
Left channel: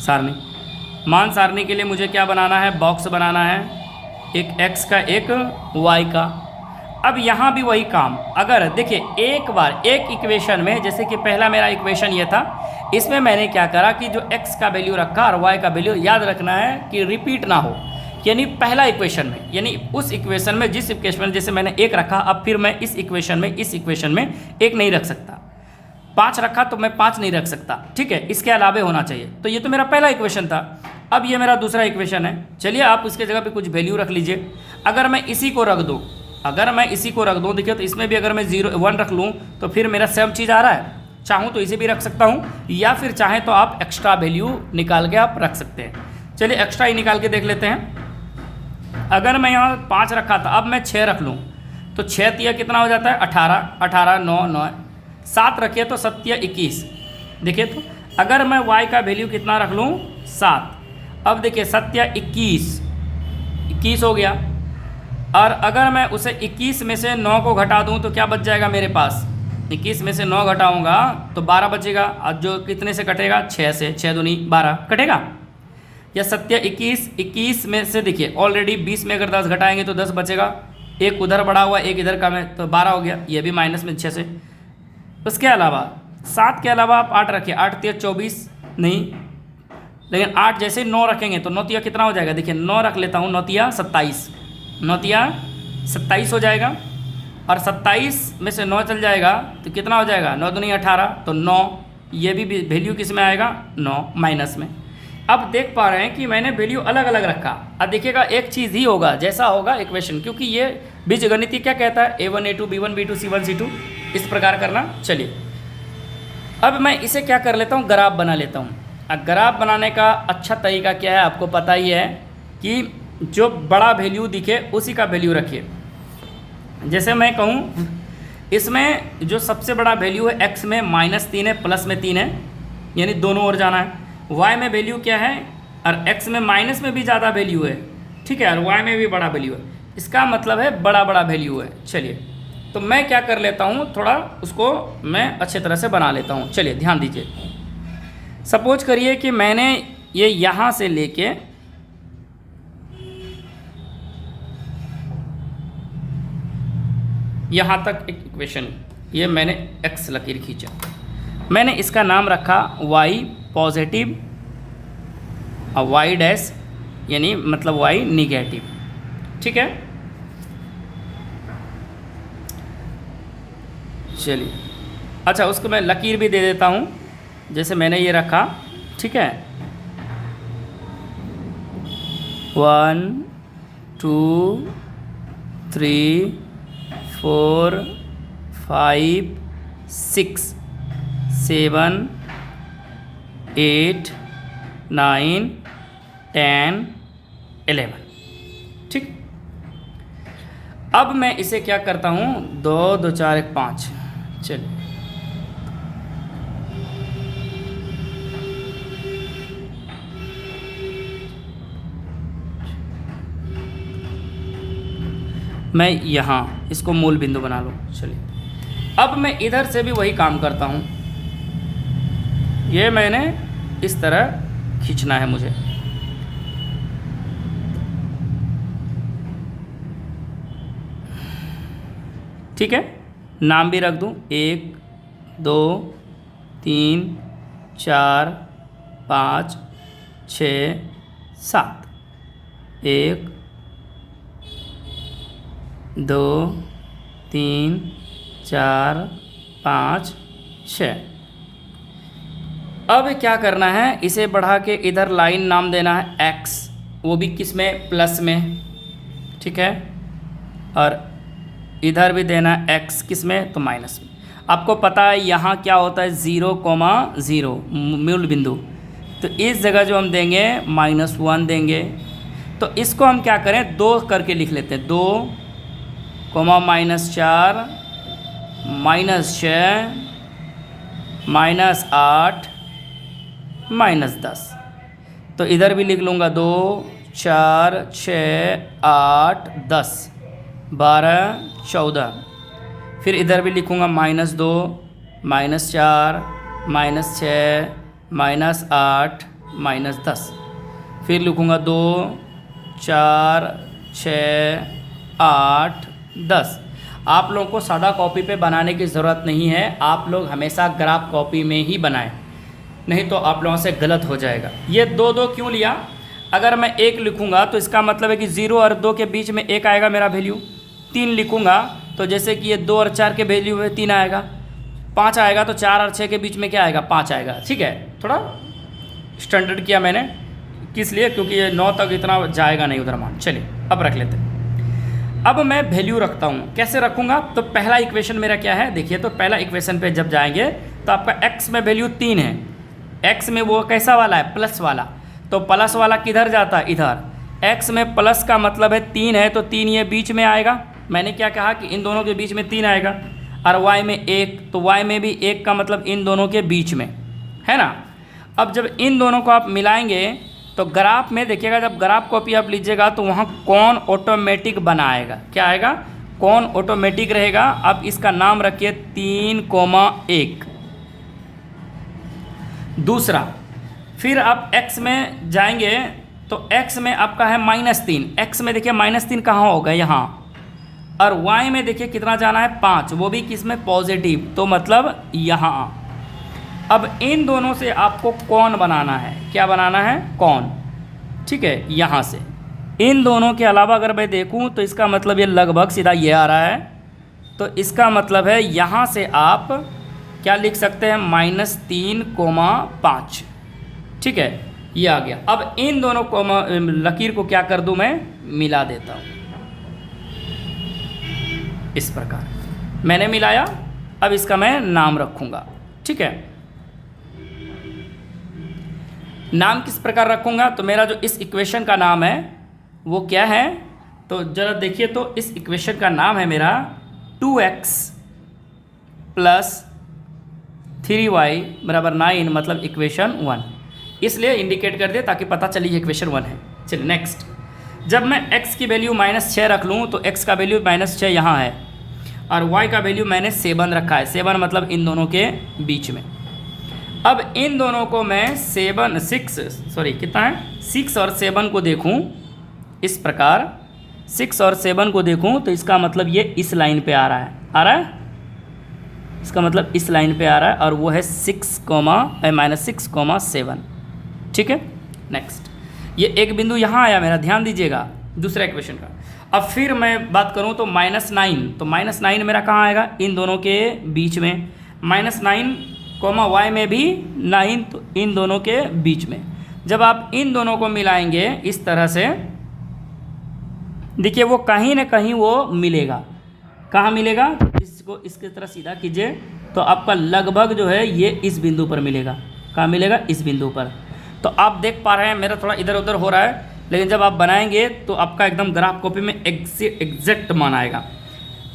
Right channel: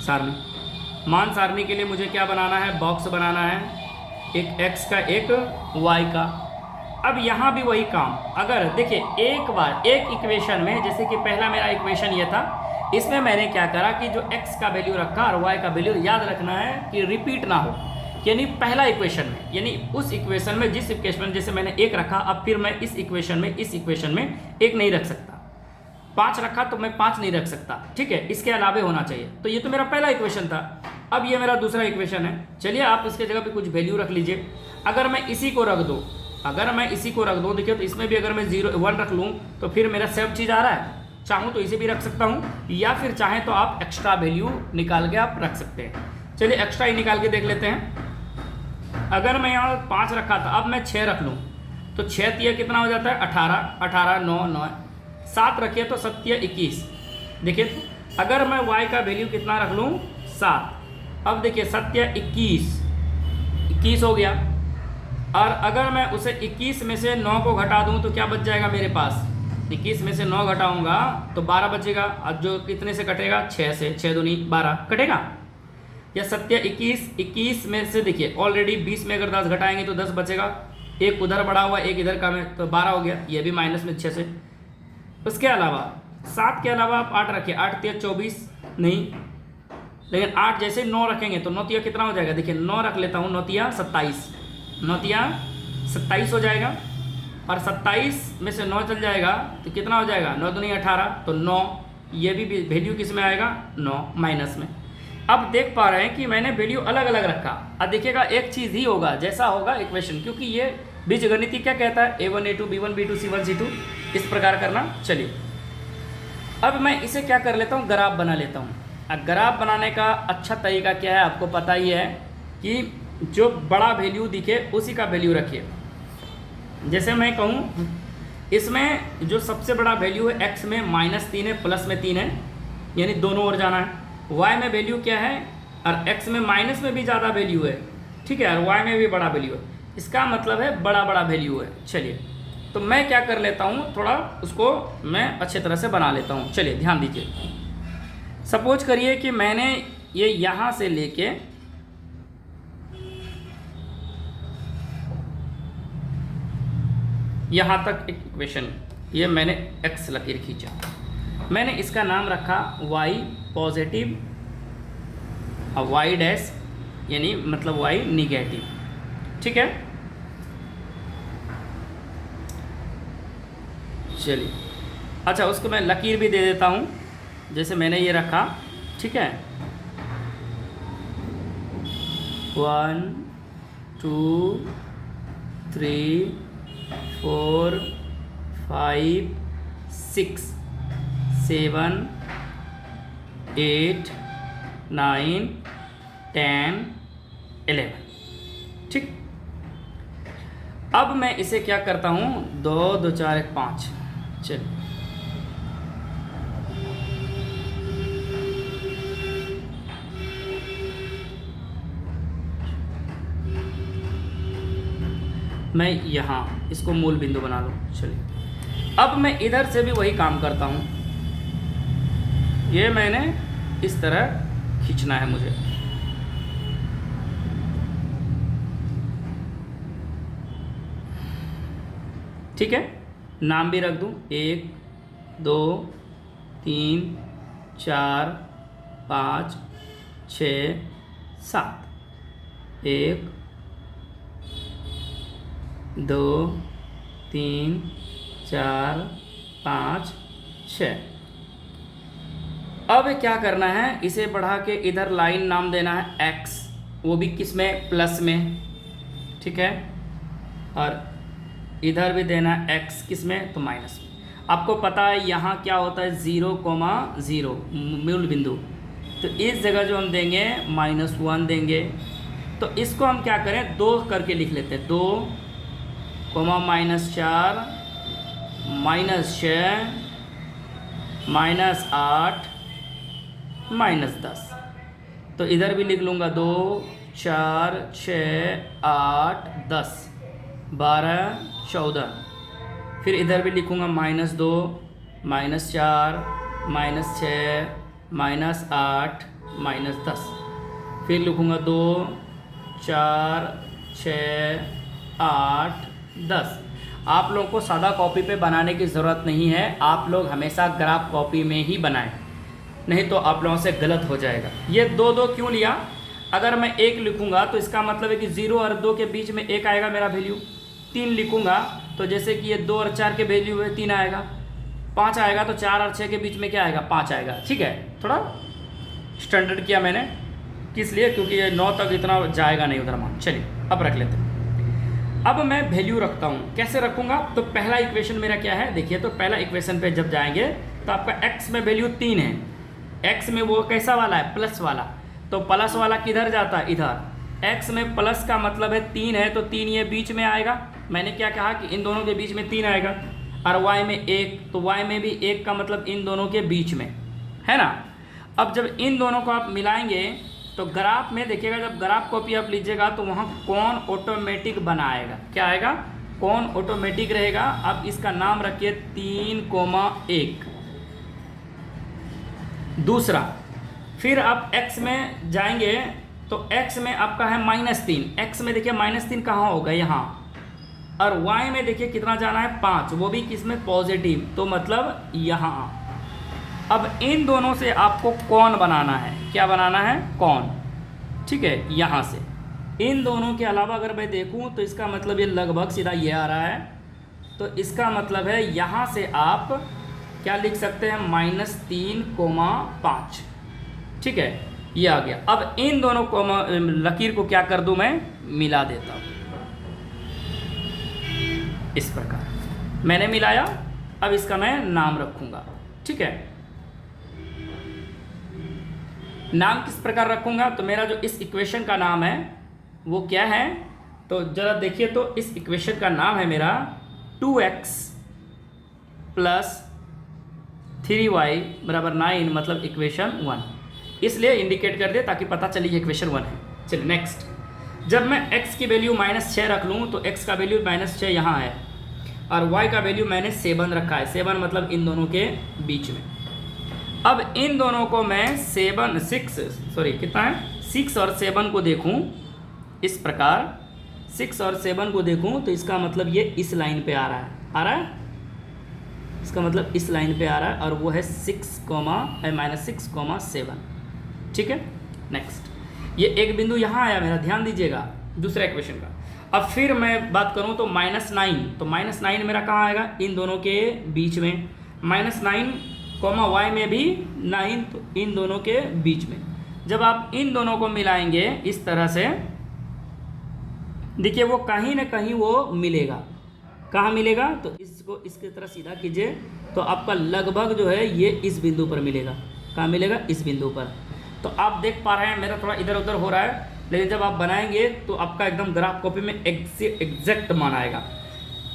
सारणी। मान सारणी के लिए मुझे क्या बनाना है? बॉक्स बनाना है, एक x का एक y का। अब यहाँ भी वही काम, अगर देखिए एक बार एक इक्वेशन में, जैसे कि पहला मेरा इक्वेशन ये था, इसमें मैंने क्या करा कि जो x का वैल्यू रखा और y का वैल्यू याद रखना है कि रिपीट ना हो। यानी पहला इक्वेशन में, यानी उस इक्वेशन में, जिस इक्वेशन में जैसे मैंने 1 रखा, अब फिर मैं इस इक्वेशन में 1 नहीं रख सकता। 5 रखा तो मैं 5 नहीं रख सकता, ठीक है, इसके अलावे होना चाहिए। तो ये तो मेरा पहला इक्वेशन था। अब ये मेरा दूसरा इक्वेशन है। चलिए आप उसके जगह पे कुछ वैल्यू रख लीजिए। अगर मैं इसी को रख दूँ, देखिए तो इसमें भी अगर मैं 1 रख लूँ तो फिर मेरा सेम चीज़ आ रहा है। चाहूँ तो इसे भी रख सकता हूँ, या फिर चाहें तो आप एक्स्ट्रा वैल्यू निकाल के आप रख सकते हैं। चलिए एक्स्ट्रा ही निकाल के देख लेते हैं। अगर मैं यहाँ 5 रखा था, अब मैं 6 रख लूँ तो 6 तिया कितना हो जाता है? 18, 18 9 9, 7 रखिए तो 7 तिया 21। देखिए तो अगर मैं y का वैल्यू कितना रख लूँ? 7। अब देखिए 7 तिया 21 हो गया। और अगर मैं उसे 21 में से 9 को घटा दूँ तो क्या बच जाएगा मेरे पास? 21 में से 9 घटाऊँगा तो 12 बचेगा। अब जो कितने से कटेगा? 6 से, 6 दूनी 12 कटेगा। या 7 तिया 21 में से देखिए ऑलरेडी 20 में अगर 10 घटाएंगे तो 10 बचेगा। एक उधर बढ़ा हुआ, एक इधर कम है, तो 12 हो गया। ये भी माइनस में 6 से। उसके अलावा 7 के अलावा आप 8 रखिए, 8 तिया 24 नहीं, लेकिन 8 जैसे 9 रखेंगे तो 9 तिया कितना हो जाएगा? देखिए 9 रख लेता हूँ, 9 तिया 27, 9 तिया 27 हो जाएगा। और 27 में से 9 चल जाएगा तो कितना हो जाएगा? 9 दूनी 18, तो 9, ये भी वैल्यू किस में आएगा? 9 माइनस में। अब देख पा रहे हैं कि मैंने वैल्यू अलग अलग रखा। अब देखिएगा एक चीज़ ही होगा, जैसा होगा इक्वेशन, क्योंकि ये बीजगणित क्या कहता है? a1 a2 b1 b2 c1 c2, इस प्रकार करना। चलिए अब मैं इसे क्या कर लेता हूँ? ग्राफ बना लेता हूँ। अब ग्राफ बनाने का अच्छा तरीका क्या है आपको पता ही है कि जो बड़ा वैल्यू दिखे उसी का वैल्यू रखिए। जैसे मैं कहूँ इसमें जो सबसे बड़ा वैल्यू है x में -3 है, प्लस में 3 है, यानी दोनों ओर जाना है। y में वैल्यू क्या है? और x में माइनस में भी ज़्यादा वैल्यू है, ठीक है, और y में भी बड़ा वैल्यू है। इसका मतलब है बड़ा बड़ा वैल्यू है। चलिए तो मैं क्या कर लेता हूँ, थोड़ा उसको मैं अच्छे तरह से बना लेता हूँ। चलिए ध्यान दीजिए। सपोज करिए कि मैंने ये यहाँ से लेके यहाँ तक एक इक्वेशन, ये मैंने x लकीर खींचा, मैंने इसका नाम रखा y पॉजिटिव और वाई डैश यानी मतलब वाई निगेटिव। ठीक है, चलिए। अच्छा, उसको मैं लकीर भी दे देता हूँ, जैसे मैंने ये रखा। ठीक है, 1 2 3 4 5 6 7 8 9 10 11। ठीक, अब मैं इसे क्या करता हूँ, 2 2 4 1 5। चलिए, मैं यहाँ इसको मूल बिंदु बना लूँ। चलिए, अब मैं इधर से भी वही काम करता हूँ। ये मैंने इस तरह खींचना है मुझे। ठीक है, नाम भी रख दूँ, 1 2 3 4 5 6 7। 1 2 3 4 5 6। अब क्या करना है, इसे बढ़ा के इधर लाइन नाम देना है x, वो भी किस में, प्लस में। ठीक है, और इधर भी देना है x किस में, तो माइनस में। आपको पता है यहाँ क्या होता है, 0,0 मूल बिंदु, तो इस जगह जो हम देंगे -1 देंगे। तो इसको हम क्या करें, 2 करके लिख लेते हैं, 2, -4 -6 -8 -10। तो इधर भी लिख लूँगा 2 4 6 8 10 12 14। फिर इधर भी लिखूँगा -2 -4 -6 -8 -10। फिर लिखूँगा 2 4 6 8 10। आप लोगों को सादा कॉपी पे बनाने की ज़रूरत नहीं है, आप लोग हमेशा ग्राफ कॉपी में ही बनाएं, नहीं तो आप लोगों से गलत हो जाएगा। ये 2 2 क्यों लिया, अगर मैं 1 लिखूँगा तो इसका मतलब है कि 0 और 2 के बीच में 1 आएगा मेरा वैल्यू। 3 लिखूँगा तो जैसे कि ये 2 और 4 के वैल्यू में 3 आएगा। 5 आएगा तो 4 और 6 के बीच में क्या आएगा, 5 आएगा। ठीक है, थोड़ा स्टैंडर्ड किया मैंने, किस लिए, क्योंकि ये 9 तक इतना जाएगा नहीं उधर मान। चलिए, अब रख लेते हैं। अब मैं वैल्यू रखता हूँ, कैसे रखूँगा, तो पहला इक्वेशन मेरा क्या है, देखिए। तो पहला इक्वेशन पे जब जाएंगे तो आपका x में वैल्यू 3 है। x में वो कैसा वाला है, प्लस वाला। तो प्लस वाला किधर जाता है, इधर। x में प्लस का मतलब है 3 है, तो 3 ये बीच में आएगा। मैंने क्या कहा कि इन दोनों के बीच में 3 आएगा। और y में 1, तो y में भी 1 का मतलब इन दोनों के बीच में है ना। अब जब इन दोनों को आप मिलाएंगे तो ग्राफ में देखिएगा, जब ग्राफ कॉपी आप लीजिएगा तो वहाँ कौन ऑटोमेटिक बनाएगा, क्या आएगा, कौन ऑटोमेटिक रहेगा। अब इसका नाम रखिए 3,1। दूसरा, फिर आप x में जाएंगे तो x में आपका है -3। x में देखिए -3 कहाँ होगा, यहाँ। और y में देखिए कितना जाना है, 5, वो भी किस में, पॉजिटिव, तो मतलब यहाँ। अब इन दोनों से आपको कौन बनाना है, क्या बनाना है, कौन। ठीक है, यहाँ से इन दोनों के अलावा अगर मैं देखूँ तो इसका मतलब ये लगभग सीधा ये आ रहा है। तो इसका मतलब है यहाँ से आप क्या लिख सकते हैं, -3,5। ठीक है, ये आ गया। अब इन दोनों को लकीर को क्या कर दूँ, मैं मिला देता हूँ इस प्रकार। मैंने मिलाया, अब इसका मैं नाम रखूँगा। ठीक है, नाम किस प्रकार रखूँगा, तो मेरा जो इस इक्वेशन का नाम है वो क्या है, तो ज़रा देखिए। तो इस इक्वेशन का नाम है मेरा 2x + 3y = 9, मतलब इक्वेशन 1। इसलिए इंडिकेट कर दे ताकि पता चलिए इक्वेशन 1 है। चलिए नेक्स्ट, जब मैं x की वैल्यू -6 रख लूँ तो x का वैल्यू -6 यहाँ है, और y का वैल्यू मैंने 7 रखा है। 7 मतलब इन दोनों के बीच में। अब इन दोनों को मैं 6 और 7 को देखूं इस प्रकार। 6 और 7 को देखूं तो इसका मतलब ये इस लाइन पे आ रहा है, इसका मतलब इस लाइन पे आ रहा है, और वो है -6,7। ठीक है, नेक्स्ट। ये एक बिंदु यहाँ आया मेरा, ध्यान दीजिएगा दूसरा इक्वेशन का। अब फिर मैं बात करूँ तो -9, तो -9 मेरा कहाँ आएगा, इन दोनों के बीच में। -9 कोमा y में भी 9, तो इन दोनों के बीच में। जब आप इन दोनों को मिलाएंगे इस तरह से, देखिए वो कहीं ना कहीं वो मिलेगा। कहाँ मिलेगा, तो इसको इसकी तरह सीधा कीजिए तो आपका लगभग जो है ये इस बिंदु पर मिलेगा। कहाँ मिलेगा, इस बिंदु पर। तो आप देख पा रहे हैं मेरा थोड़ा इधर उधर हो रहा है, लेकिन जब आप बनाएंगे तो आपका एकदम ग्राफ कॉपी में एग्जैक्ट मान आएगा।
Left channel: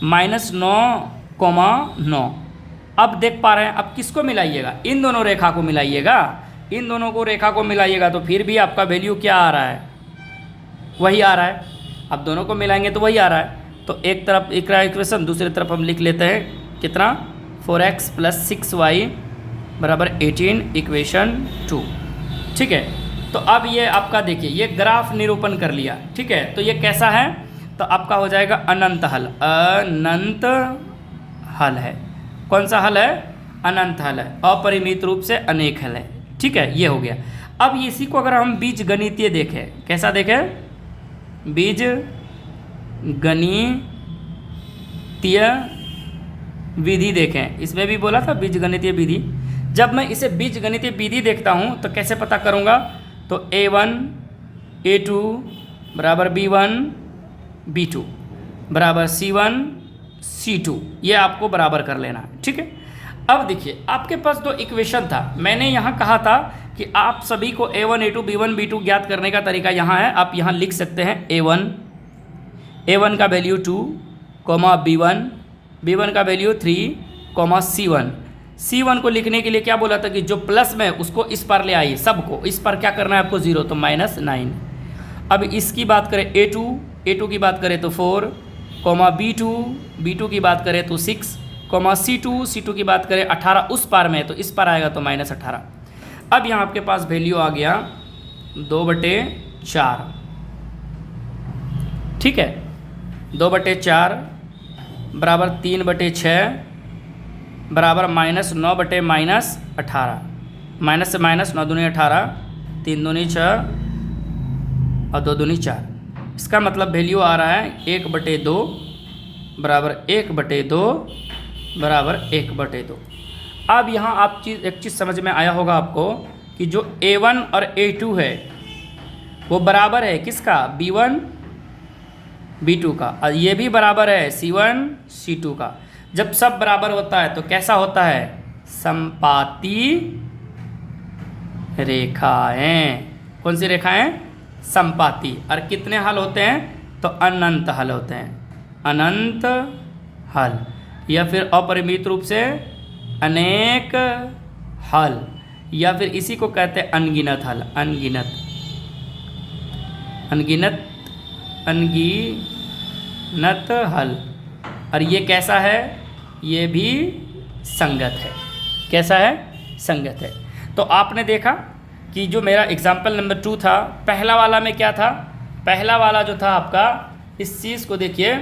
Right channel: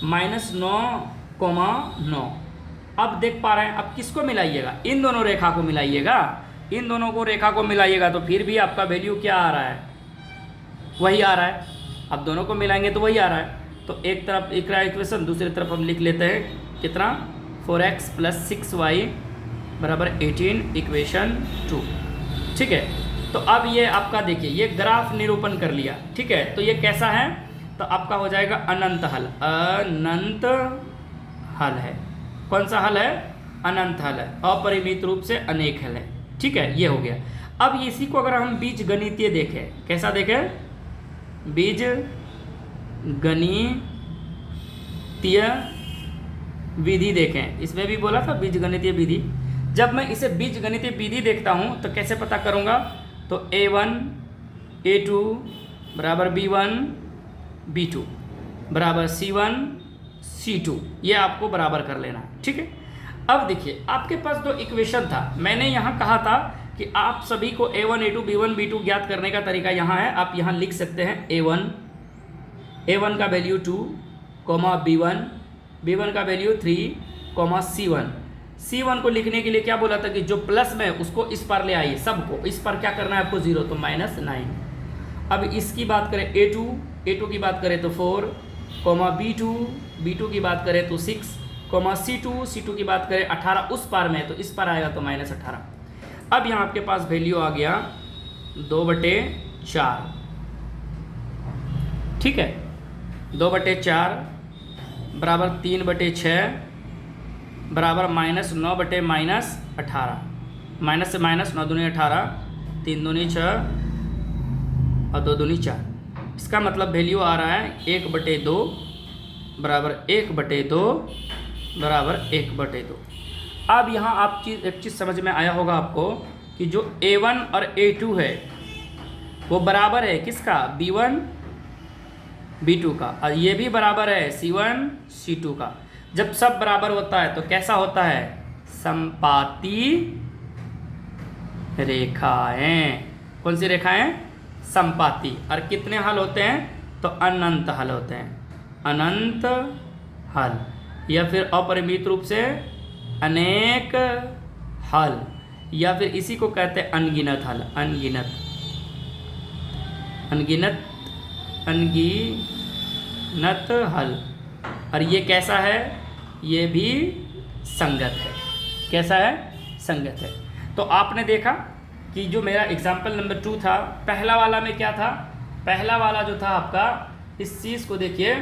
-9,9। अब देख पा रहे हैं, अब किसको मिलाइएगा, इन दोनों रेखा को मिलाइएगा। इन दोनों को रेखा को मिलाइएगा तो फिर भी आपका वैल्यू क्या आ रहा है, वही आ रहा है। अब दोनों को मिलाएंगे तो वही आ रहा है। तो एक तरफ एक रहा इक्वेशन, दूसरी तरफ हम लिख लेते हैं कितना, 4x + 6y = 18 इक्वेशन 2। ठीक है, तो अब ये आपका देखिए ये ग्राफ निरूपण कर लिया। ठीक है, तो ये कैसा है, तो आपका हो जाएगा अनंत हल। अनंत हल है। कौन सा हल है, अनंत हल है, अपरिमित रूप से अनेक हल है। ठीक है, ये हो गया। अब इसी को अगर हम बीज गणितीय देखें, कैसा देखें, बीज गणितीय विधि देखें। इसमें भी बोला था बीज गणितीय विधि। जब मैं इसे बीज गणितीय विधि देखता हूँ तो कैसे पता करूँगा, तो a1 a2 = b1 b2 = c1 c2, ये आपको बराबर कर लेना। ठीक है, अब देखिए आपके पास दो इक्वेशन था। मैंने यहाँ कहा था कि आप सभी को a1 a2 b1 b2 ज्ञात करने का तरीका यहाँ है। आप यहाँ लिख सकते हैं a1 का वैल्यू 2, b1 का वैल्यू 3, c1 को लिखने के लिए क्या बोला था कि जो प्लस में उसको इस पर ले आइए, सबको इस पर क्या करना है आपको 0, तो -9। अब इसकी बात करें a2 की बात करें तो 4, b2 की बात करें तो 6, c2 की बात करें 18, उस पार में तो इस पर आएगा तो -18। अब यहाँ आपके पास वैल्यू आ गया 2/4। ठीक है, 2/4 = 3/6 बराबर -9/-18। माइनस से माइनस, 9 दूनी 18, 3 दूनी 6 और 2 दूनी 4। इसका मतलब वैल्यू आ रहा है 1/2 बराबर 1/2 बराबर 1/2। अब यहाँ आप एक चीज़ समझ में आया होगा आपको कि जो a1 और a2 है वो बराबर है किसका, b1 b2 का, और ये भी बराबर है c1 c2 का। जब सब बराबर होता है तो कैसा होता है, संपाती रेखाएं। कौन सी रेखाएं, संपाती। और कितने हल होते हैं, तो अनंत हल होते हैं, अनंत हल, या फिर अपरिमित रूप से अनेक हल, या फिर इसी को कहते हैं अनगिनत हल। अनगिनत हल। और ये कैसा है, ये भी संगत है। कैसा है, संगत है। तो आपने देखा कि जो मेरा एग्जाम्पल नंबर 2 था, पहला वाला में क्या था, पहला वाला जो था आपका, इस चीज़ को देखिए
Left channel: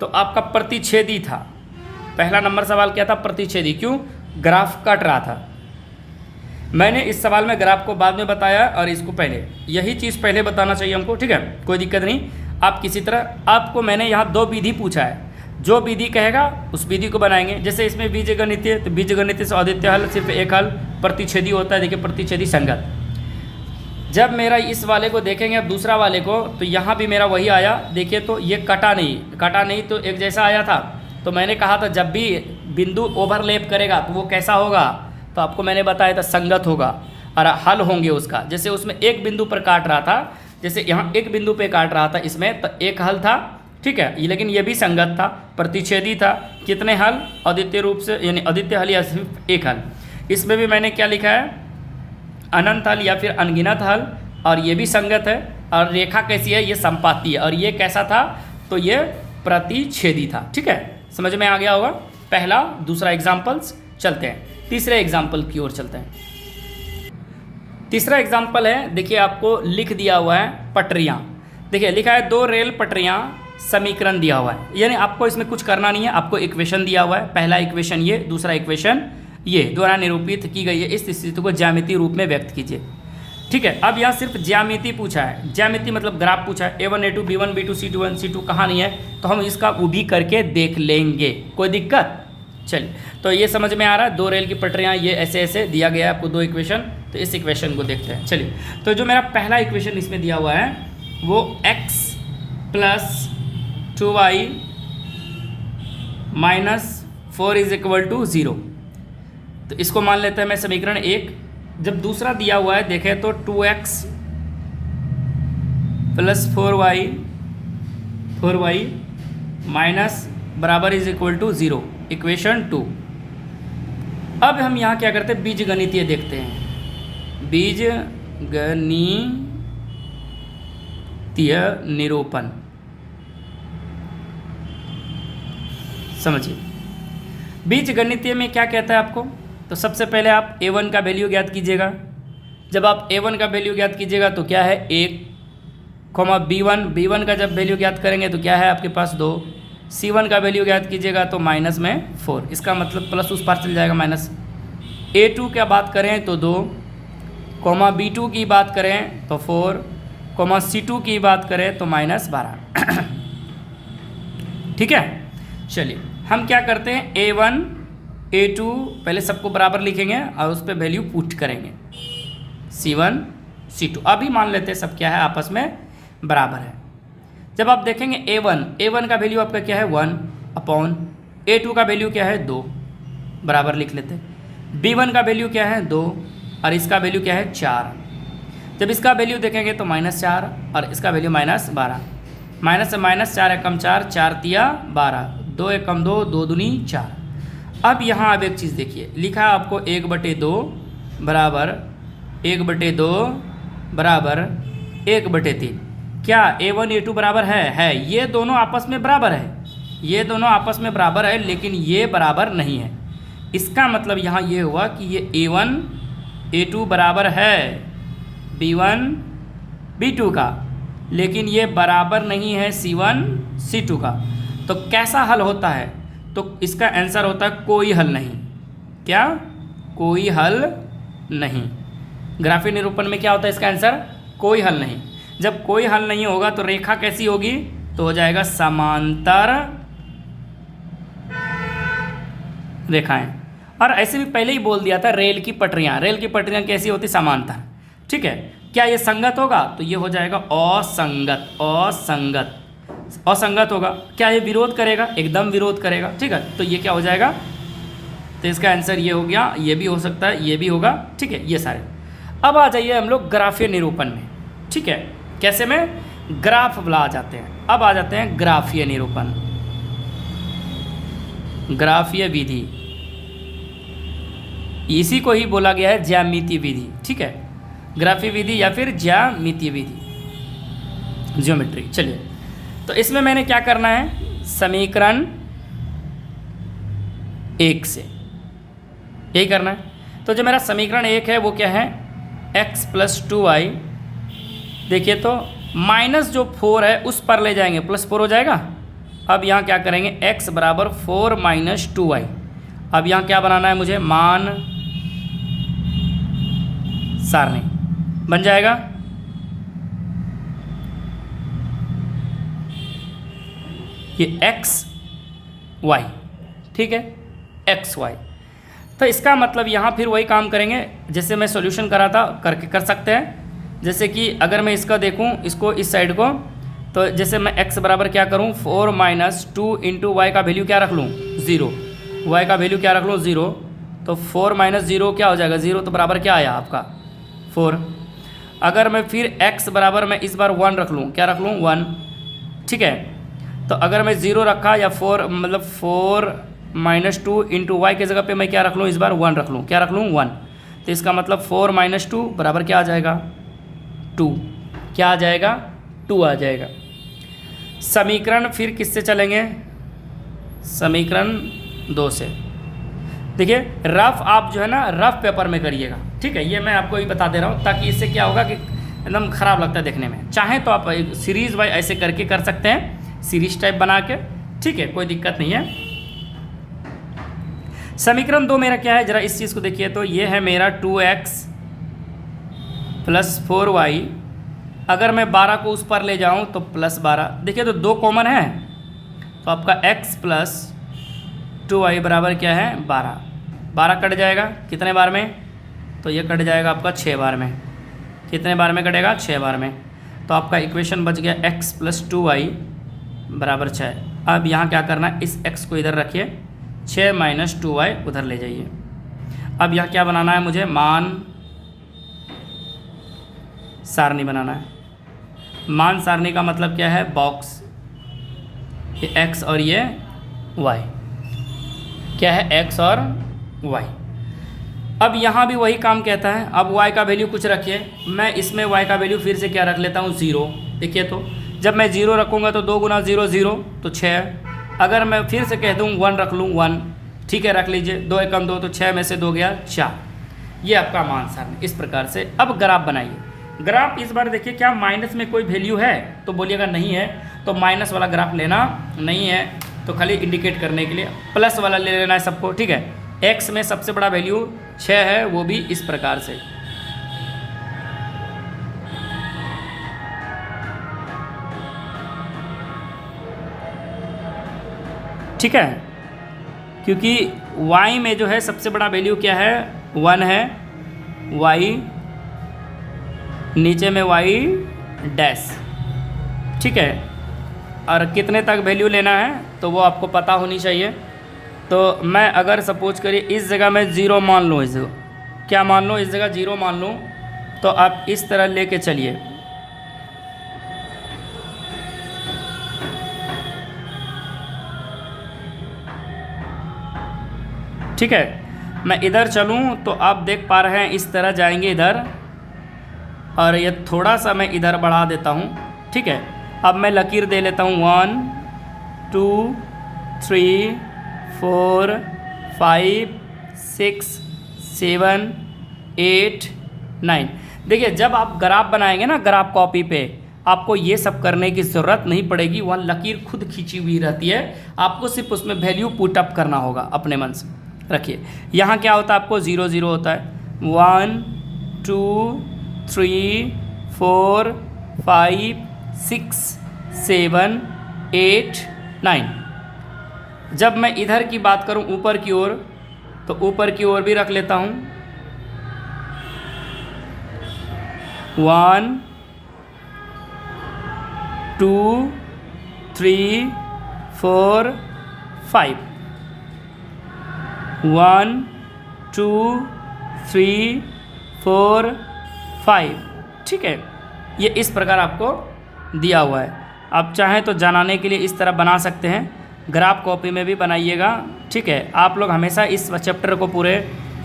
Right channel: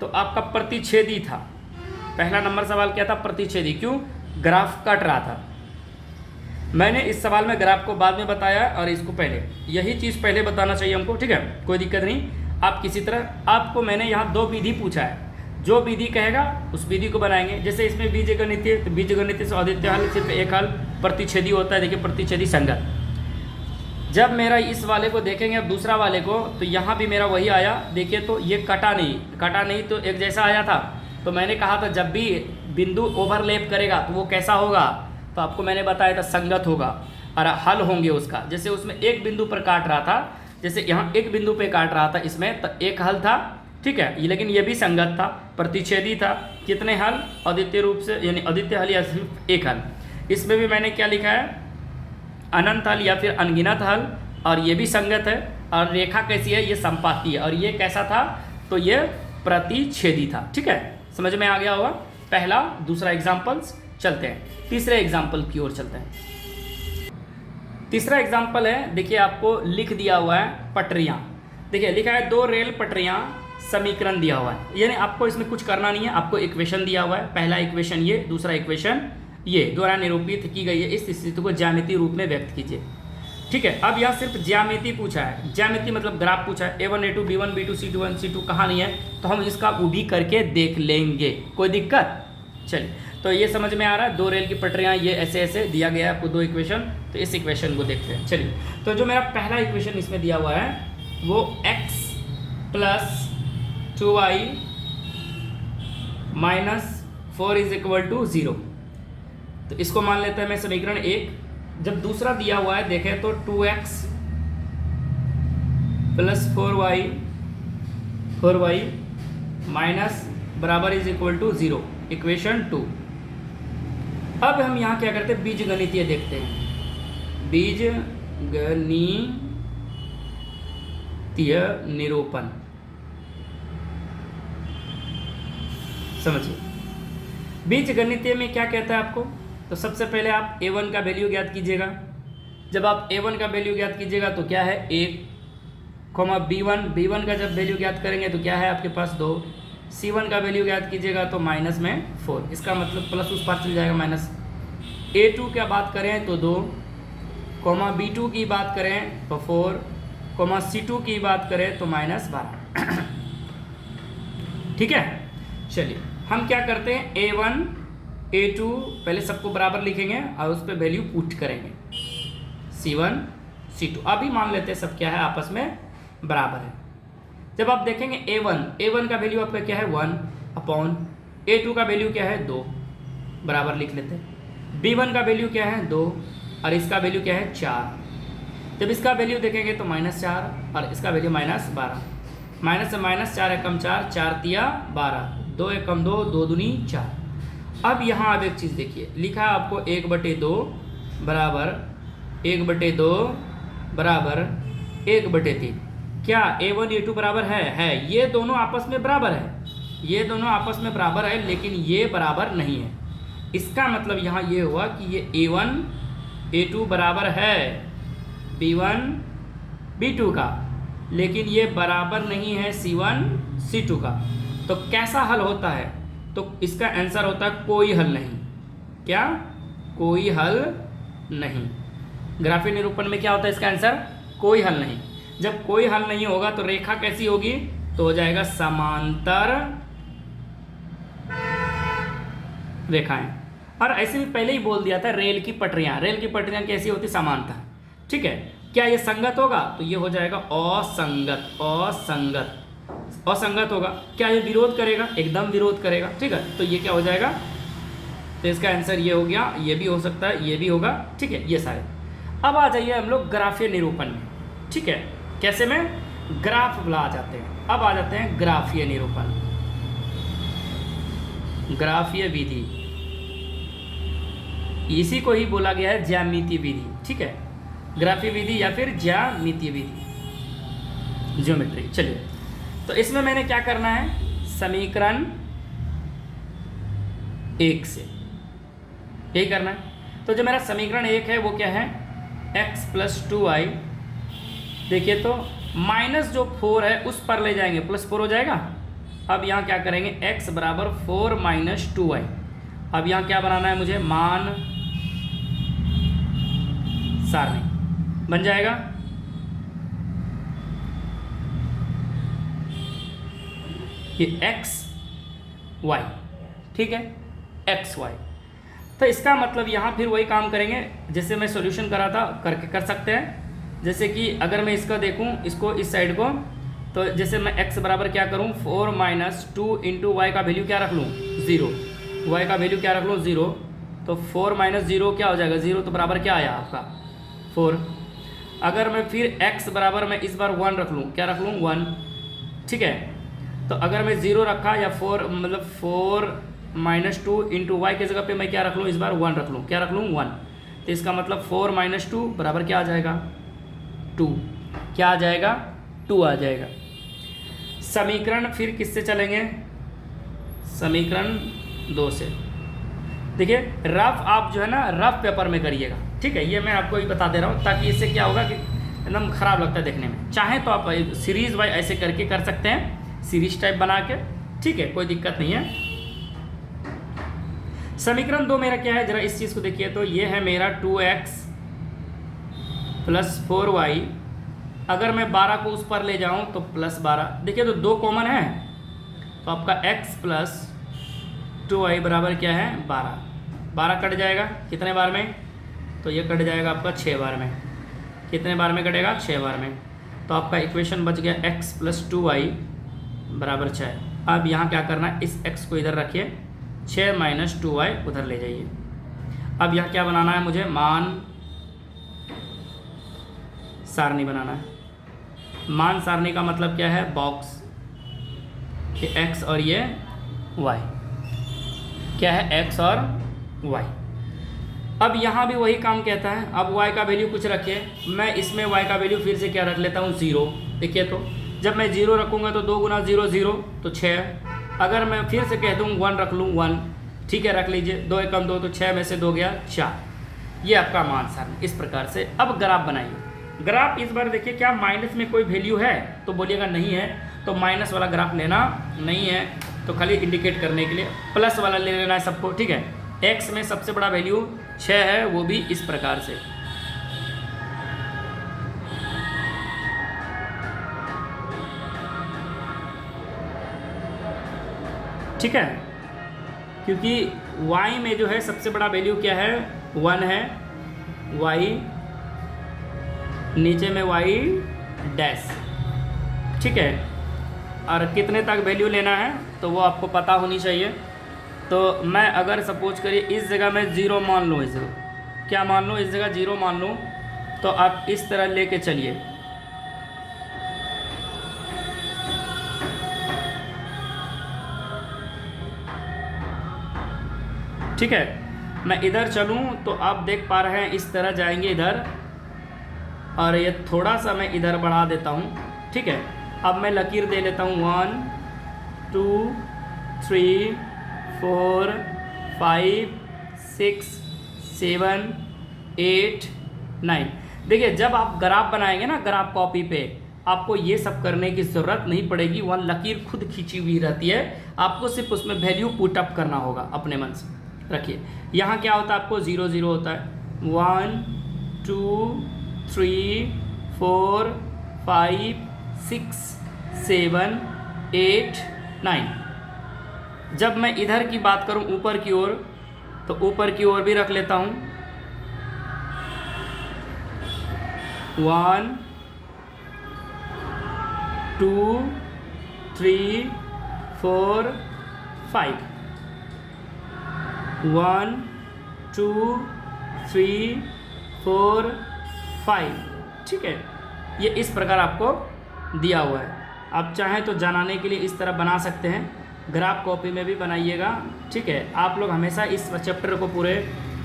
तो आपका प्रतिच्छेदी था। पहला नंबर सवाल क्या था, प्रतिच्छेदी। क्यों, ग्राफ कट रहा था। मैंने इस सवाल में ग्राफ को बाद में बताया और इसको पहले, यही चीज़ पहले बताना चाहिए हमको। ठीक है, कोई दिक्कत नहीं। आप किसी तरह, आपको मैंने यहाँ 2 विधि पूछा है, जो विधि कहेगा उस विधि को बनाएंगे। जैसे इसमें बीजगणितीय, तो बीजगणितीय से अद्वितीय हल सिर्फ एक हल, प्रतिच्छेदी होता है। देखिए प्रतिच्छेदी संगत। जब मेरा इस वाले को देखेंगे अब दूसरा वाले को, तो यहाँ भी मेरा वही आया। देखिए तो ये कटा नहीं तो एक जैसा आया था। तो मैंने कहा था जब भी बिंदु ओवरलैप करेगा तो वो कैसा होगा, तो आपको मैंने बताया था संगत होगा और हल होंगे उसका। जैसे उसमें एक बिंदु पर काट रहा था, जैसे यहाँ एक बिंदु पे काट रहा था इसमें, तो एक हल था। ठीक है, लेकिन ये भी संगत था, प्रतिच्छेदी था। कितने हल, अद्वितीय रूप से, यानी अद्वितीय हल या सिर्फ एक हल। इसमें भी मैंने क्या लिखा है, अनंत हल या फिर अनगिनत हल, और ये भी संगत है। और रेखा कैसी है, ये संपाती है। और ये कैसा था, तो ये प्रतिच्छेदी था। ठीक है, समझ में आ गया होगा। पहला, दूसरा एग्जाम्पल्स। चलते हैं तीसरे एग्जाम्पल की ओर चलते हैं। तीसरा एग्जाम्पल है, देखिए आपको लिख दिया हुआ है पटरियाँ। देखिए लिखा है 2 रेल पटरियाँ, समीकरण दिया हुआ है। यानी आपको इसमें कुछ करना नहीं है, आपको इक्वेशन दिया हुआ है। पहला इक्वेशन ये, दूसरा इक्वेशन ये, द्वारा निरूपित की गई है। इस स्थिति को ज्यामितीय रूप में व्यक्त कीजिए। ठीक है, अब यहाँ सिर्फ ज्यामिति पूछा है, ज्यामिति मतलब ग्राफ पूछा है, A1 A2 B1 B2 C2 C2 कहाँ नहीं है, तो हम इसका वो भी करके देख लेंगे, कोई दिक्कत। चलिए, तो ये समझ में आ रहा है, 2 रेल की पटरियाँ, ये ऐसे ऐसे दिया गया है आपको 2 इक्वेशन। तो इस इक्वेशन को देखते हैं। चलिए, तो जो मेरा पहला इक्वेशन इसमें दिया हुआ है वो x + 2y - 4 = 0। तो इसको मान लेते हैं मैं समीकरण 1। जब दूसरा दिया हुआ है देखें तो 2x + 4y माइनस बराबर = 0, इक्वेशन 2। अब हम यहाँ क्या करते हैं, बीजगणितीय देखते हैं, बीजगणितीय निरूपण। समझिए बीजगणितीय में क्या कहता है आपको। तो सबसे पहले आप a1 का वैल्यू ज्ञात कीजिएगा। जब आप a1 का वैल्यू ज्ञात कीजिएगा तो क्या है 1, b1 का जब वैल्यू ज्ञात करेंगे तो क्या है आपके पास 2, c1 का वैल्यू ज्ञात कीजिएगा तो -4, इसका मतलब प्लस उस पार चल जाएगा माइनस। a2 क्या बात करें तो 2, b2 की बात करें तो 4, c2 की बात करें तो -12। ठीक है, चलिए हम क्या करते हैं, a1 a2 पहले सबको बराबर लिखेंगे और उस पर वैल्यू पुट करेंगे, c1 c2। अभी मान लेते हैं सब क्या है आपस में बराबर है। जब आप देखेंगे a1 का वैल्यू आपका क्या है 1 a2 का वैल्यू क्या है 2, बराबर लिख लेते हैं। b1 का वैल्यू क्या है 2 और इसका वैल्यू क्या है 4। जब इसका वैल्यू देखेंगे तो -4 और इसका वैल्यू -12। माइनस से -4 एकम 4, 4 तिया 12, 2 एकम 2, 2 दूनी 4। अब यहाँ आप एक चीज़ देखिए, लिखा है आपको 1/2 बराबर 1/2 बराबर 1/3। क्या a1 a2 बराबर है? ये दोनों आपस में बराबर है, ये दोनों आपस में बराबर है, लेकिन ये बराबर नहीं है। इसका मतलब यहाँ ये हुआ कि ये a1 a2 बराबर है b1 b2 का, लेकिन ये बराबर नहीं है c1 c2 का। तो कैसा हल होता है, तो इसका आंसर होता है कोई हल नहीं। क्या? कोई हल नहीं। ग्राफीय निरूपण में क्या होता है इसका आंसर? कोई हल नहीं। जब कोई हल नहीं होगा तो रेखा कैसी होगी, तो हो जाएगा समांतर रेखाएं। और ऐसे भी पहले ही बोल दिया था, रेल की पटरियां कैसी होती? समांतर। ठीक है, क्या ये संगत होगा? तो ये हो जाएगा असंगत होगा। क्या ये विरोध करेगा? एकदम विरोध करेगा। ठीक है, तो ये क्या हो जाएगा? तो इसका आंसर ये हो गया, ये भी हो सकता है, ये भी होगा। ठीक है, ये सारे। अब आ जाइए हम लोग ग्राफीय निरूपण में। ठीक है, कैसे में? ग्राफ बुला जाते हैं। अब आ जाते हैं ग्राफीय निरूपण, ग्राफीय विधि। इसी को ही बोला गया है ज्यामितीय विधि। ठीक है, ग्राफीय विधि या फिर ज्यामितीय विधि, ज्योमेट्री। चलिए, तो इसमें मैंने क्या करना है, समीकरण 1 से यही करना है। तो जो मेरा समीकरण 1 है वो क्या है, x + 2y। देखिए तो माइनस जो 4 है उस पर ले जाएंगे, +4 हो जाएगा। अब यहाँ क्या करेंगे, x बराबर 4 - 2y। अब यहाँ क्या बनाना है मुझे, मान सारणी बन जाएगा। ये x y, ठीक है, x y। तो इसका मतलब यहाँ फिर वही काम करेंगे जैसे मैं सॉल्यूशन करा था, करके कर सकते हैं। जैसे कि अगर मैं इसका देखूँ, इसको इस साइड को, तो जैसे मैं x बराबर क्या करूँ, 4 - 2 × y का वैल्यू क्या रख लूँ, 0। y का वैल्यू क्या रख लूँ, 0। तो 4 - 0 क्या हो जाएगा, 0। तो बराबर क्या आया आपका, 4। अगर मैं फिर x बराबर मैं इस बार 1 रख लूँ, क्या रख लूँ, 1। ठीक है, तो अगर मैं 0 रखा या 4 मतलब 4 - 2 × y के जगह पे मैं क्या रख लूँ, इस बार 1 रख लूँ, क्या रख लूँ, 1। तो इसका मतलब 4 - 2 बराबर क्या आ जाएगा, 2। क्या आ जाएगा, 2 आ जाएगा। समीकरण फिर किससे चलेंगे, समीकरण 2 से। देखिए रफ आप जो है ना, रफ पेपर में करिएगा। ठीक है, ये मैं आपको ही बता दे रहा हूँ, ताकि इससे क्या होगा कि एकदम ख़राब लगता है देखने में। चाहे तो आप सीरीज़ वाइज ऐसे करके कर सकते हैं, सीरीज टाइप बना के। ठीक है, कोई दिक्कत नहीं है। समीकरण 2 मेरा क्या है, जरा इस चीज़ को देखिए। तो ये है मेरा 2x +4y, अगर मैं 12 को उस पर ले जाऊं तो +12। देखिए तो 2 कॉमन है, तो आपका x + 2y बराबर क्या है 12। 12 कट जाएगा कितने बार में, तो ये कट जाएगा आपका 6 बार में। कितने बार में कटेगा, 6 बार में। तो आपका इक्वेशन बच गया x + 2y बराबर 6। अब यहाँ क्या करना है, इस x को इधर रखिए, 6 - 2y उधर ले जाइए। अब यहाँ क्या बनाना है मुझे, मान सारणी बनाना है। मान सारणी का मतलब क्या है, बॉक्स, ये x और ये y, क्या है x और y। अब यहाँ भी वही काम कहता है। अब y का वैल्यू कुछ रखिए, मैं इसमें y का वैल्यू फिर से क्या रख लेता हूँ 0। देखिए तो जब मैं 0 रखूँगा तो 2 × 0 0 तो 6। अगर मैं फिर से कह दूँ 1 रख लूँ 1, ठीक है रख लीजिए, 2 × 2 तो 6 में से 2 गया 4। ये आपका मान सारणी इस प्रकार से। अब ग्राफ बनाइए। ग्राफ इस बार देखिए क्या माइनस में कोई वैल्यू है, तो बोलिएगा नहीं है, तो माइनस वाला ग्राफ लेना नहीं है, तो खाली इंडिकेट करने के लिए प्लस वाला ले लेना है सबको, ठीक है। x में सबसे बड़ा वैल्यू 6 है, वो भी इस प्रकार से। ठीक है, क्योंकि y में जो है सबसे बड़ा वैल्यू क्या है 1 है, y नीचे में y डैश, ठीक है। और कितने तक वैल्यू लेना है तो वो आपको पता होनी चाहिए। तो मैं अगर सपोज करिए इस जगह मैं 0 मान लूँ, इस जगह क्या मान लूँ, इस जगह 0 मान लूँ, तो आप इस तरह लेके चलिए। ठीक है, मैं इधर चलूँ तो आप देख पा रहे हैं इस तरह जाएंगे इधर, और ये थोड़ा सा मैं इधर बढ़ा देता हूँ। ठीक है, अब मैं लकीर दे लेता हूँ 1 2 3 4 5 6 7 8 9। देखिए जब आप ग्राफ बनाएंगे ना, ग्राफ कॉपी पे आपको ये सब करने की ज़रूरत नहीं पड़ेगी, वह लकीर खुद खींची हुई रहती है, आपको सिर्फ उसमें वैल्यू पुट अप करना होगा अपने मन से। रखिए यहाँ क्या होता है, आपको 0 0 होता है, 1 2 3 4 5 6 7 8 9। जब मैं इधर की बात करूं ऊपर की ओर, तो ऊपर की ओर भी रख लेता हूं 1 2 3 4 5 1 2 3 4 5। ठीक है, ये इस प्रकार आपको दिया हुआ है। आप चाहें तो जनाने के लिए इस तरह बना सकते हैं, ग्राफ कॉपी में भी बनाइएगा। ठीक है, आप लोग हमेशा इस चैप्टर को पूरे,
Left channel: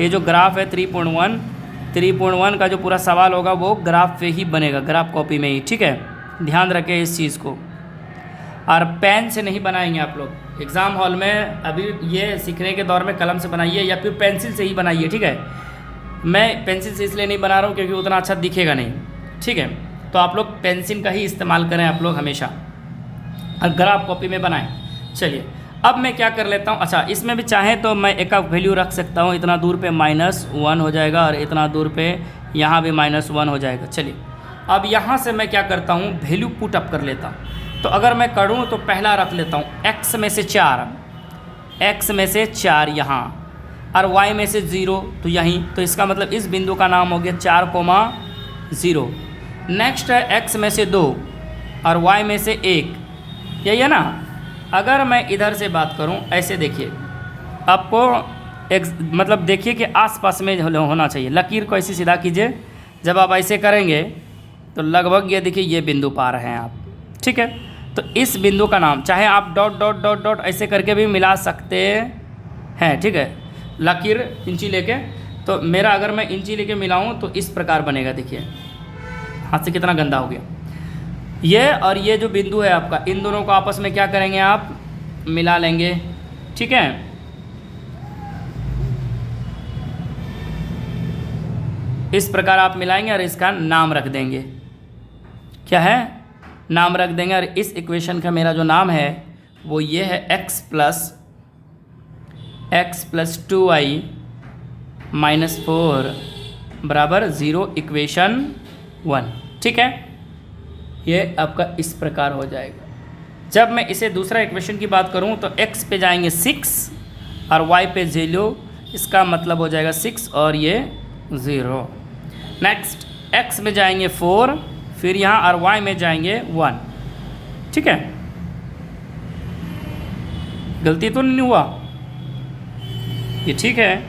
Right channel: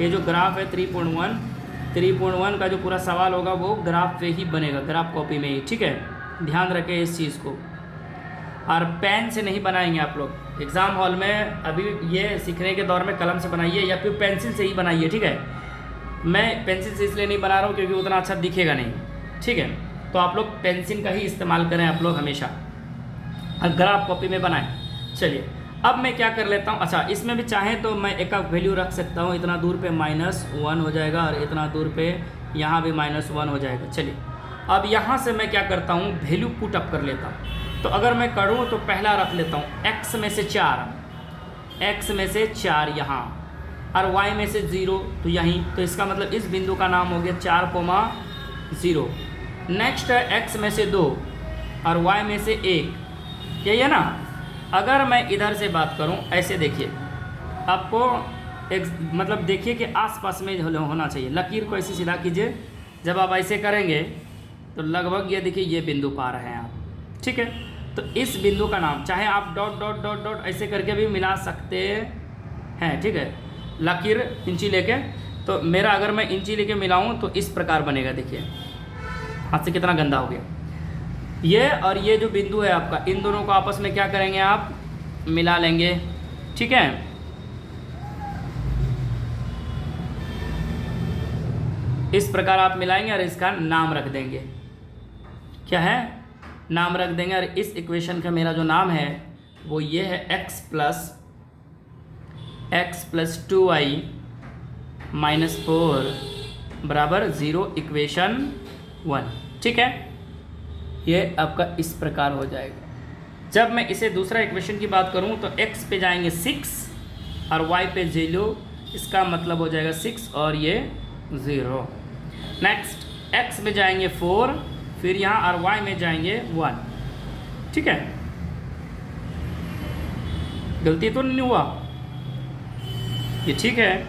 ये जो ग्राफ है 3.1 का जो पूरा सवाल होगा वो ग्राफ पे ही बनेगा, ग्राफ कॉपी में ही। ठीक है, ध्यान रखें इस चीज़ को। और पेन से नहीं बनाएंगे आप लोग एग्ज़ाम हॉल में, अभी ये सीखने के दौर में कलम से बनाइए या फिर पेंसिल से ही बनाइए। ठीक है, मैं पेंसिल से इसलिए नहीं बना रहा हूँ क्योंकि उतना अच्छा दिखेगा नहीं। ठीक है, तो आप लोग पेंसिल का ही इस्तेमाल करें आप लोग हमेशा, और ग्राफ कॉपी में बनाएं। चलिए अब मैं क्या कर लेता हूँ, अच्छा इसमें भी चाहें तो मैं एक वैल्यू रख सकता हूँ, इतना दूर पे -1 हो जाएगा और इतना दूर पे यहाँ भी -1 हो जाएगा। चलिए अब यहाँ से मैं क्या करता हूँ, वैल्यू पुट अप कर लेता हूँ। तो अगर मैं करूँ तो पहला रख लेता हूँ x में से 4 यहाँ, और y में से 0 तो यहीं, तो इसका मतलब इस बिंदु का नाम हो गया 4,0। नेक्स्ट है x में से 2 और y में से 1, यही है ना। अगर मैं इधर से बात करूं, ऐसे देखिए आपको एक मतलब देखिए कि आसपास में होना चाहिए। लकीर को ऐसे सीधा कीजिए, जब आप ऐसे करेंगे तो लगभग ये देखिए ये बिंदु पा रहे हैं आप। ठीक है, तो इस बिंदु का नाम, चाहे आप डॉट डॉट डॉट डॉट ऐसे करके भी मिला सकते हैं। ठीक है, लकीर इंची लेके, तो मेरा अगर मैं इंची लेके मिलाऊं तो इस प्रकार बनेगा। देखिए हाथ से कितना गंदा हो गया। ये और ये जो बिंदु है आपका, इन दोनों को आपस में क्या करेंगे, आप मिला लेंगे। ठीक है, इस प्रकार आप मिलाएंगे और इसका नाम रख देंगे। क्या है, नाम रख देंगे। और इस इक्वेशन का मेरा जो नाम है वो ये है x + 2y - 4 बराबर 0 इक्वेशन 1। ठीक है, ये आपका इस प्रकार हो जाएगा। जब मैं इसे दूसरा इक्वेशन की बात करूं तो x पे जाएंगे 6 और y पे 0, इसका मतलब हो जाएगा 6 और ये 0। नेक्स्ट x में जाएंगे 4, फिर यहाँ और y में जाएंगे 1। ठीक है, गलती तो नहीं हुआ, ये ठीक है।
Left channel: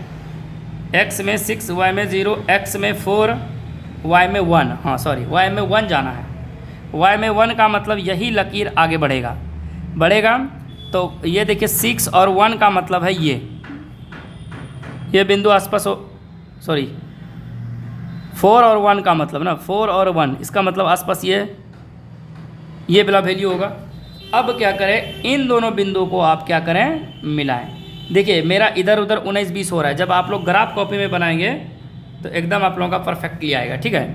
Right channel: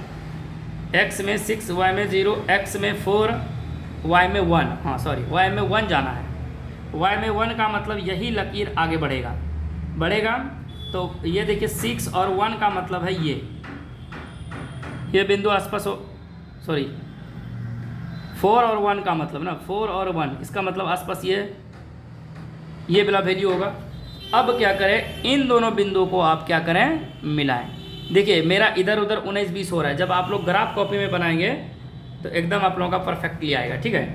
x में 6, y में 0, x में 4, y में 1, हाँ सॉरी y में 1 जाना है। y में 1 का मतलब यही लकीर आगे बढ़ेगा। तो ये देखिए 6 और 1 का मतलब है ये बिंदु आसपास हो, सॉरी 4 और 1 का मतलब ना, 4 और 1 इसका मतलब आसपास ये वाला वैल्यू होगा। अब क्या करें, इन दोनों बिंदुओं को आप क्या करें, मिलाएं। देखिए मेरा इधर उधर 19-20 हो रहा है। जब आप लोग ग्राफ कॉपी में बनाएंगे तो एकदम आप लोगों का परफेक्टली आएगा। ठीक है,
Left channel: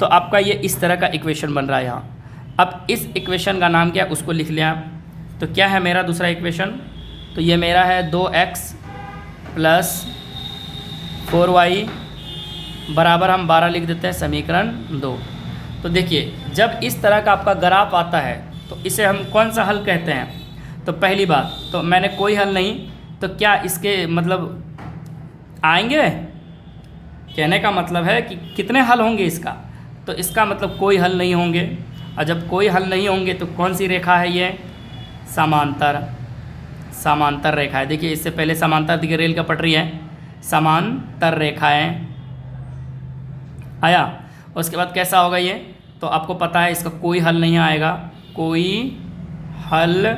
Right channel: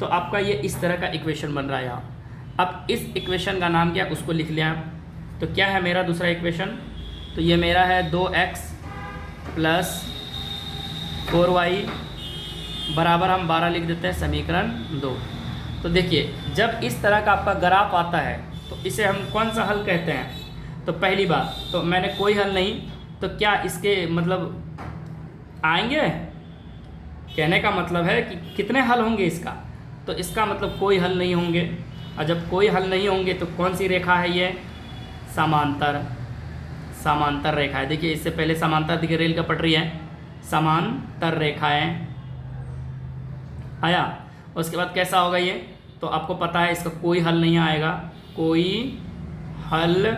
तो आपका ये इस तरह का इक्वेशन बन रहा है यहाँ। अब इस इक्वेशन का नाम क्या, उसको लिख लिया। तो क्या है मेरा दूसरा इक्वेशन, तो ये मेरा है 2x प्लस 4y बराबर हम 12 लिख देते हैं, समीकरण 2। तो देखिए जब इस तरह का आपका ग्राफ आता है तो इसे हम कौन सा हल कहते हैं। तो पहली बात तो मैंने कोई हल नहीं, तो क्या इसके मतलब आएंगे, कहने का मतलब है कि कितने हल होंगे इसका, तो इसका मतलब कोई हल नहीं होंगे। और जब कोई हल नहीं होंगे तो कौन सी रेखा है ये, समांतर रेखा है। देखिए इससे पहले समांतर देखिए रेल का पटरी है, समांतर रेखाएं आया। उसके बाद कैसा होगा ये, तो आपको पता है इसका कोई हल नहीं आएगा, कोई हल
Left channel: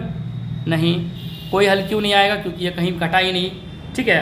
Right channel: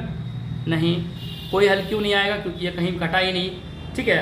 क्यों नहीं आएगा, क्योंकि ये कहीं कटा ही नहीं। ठीक है।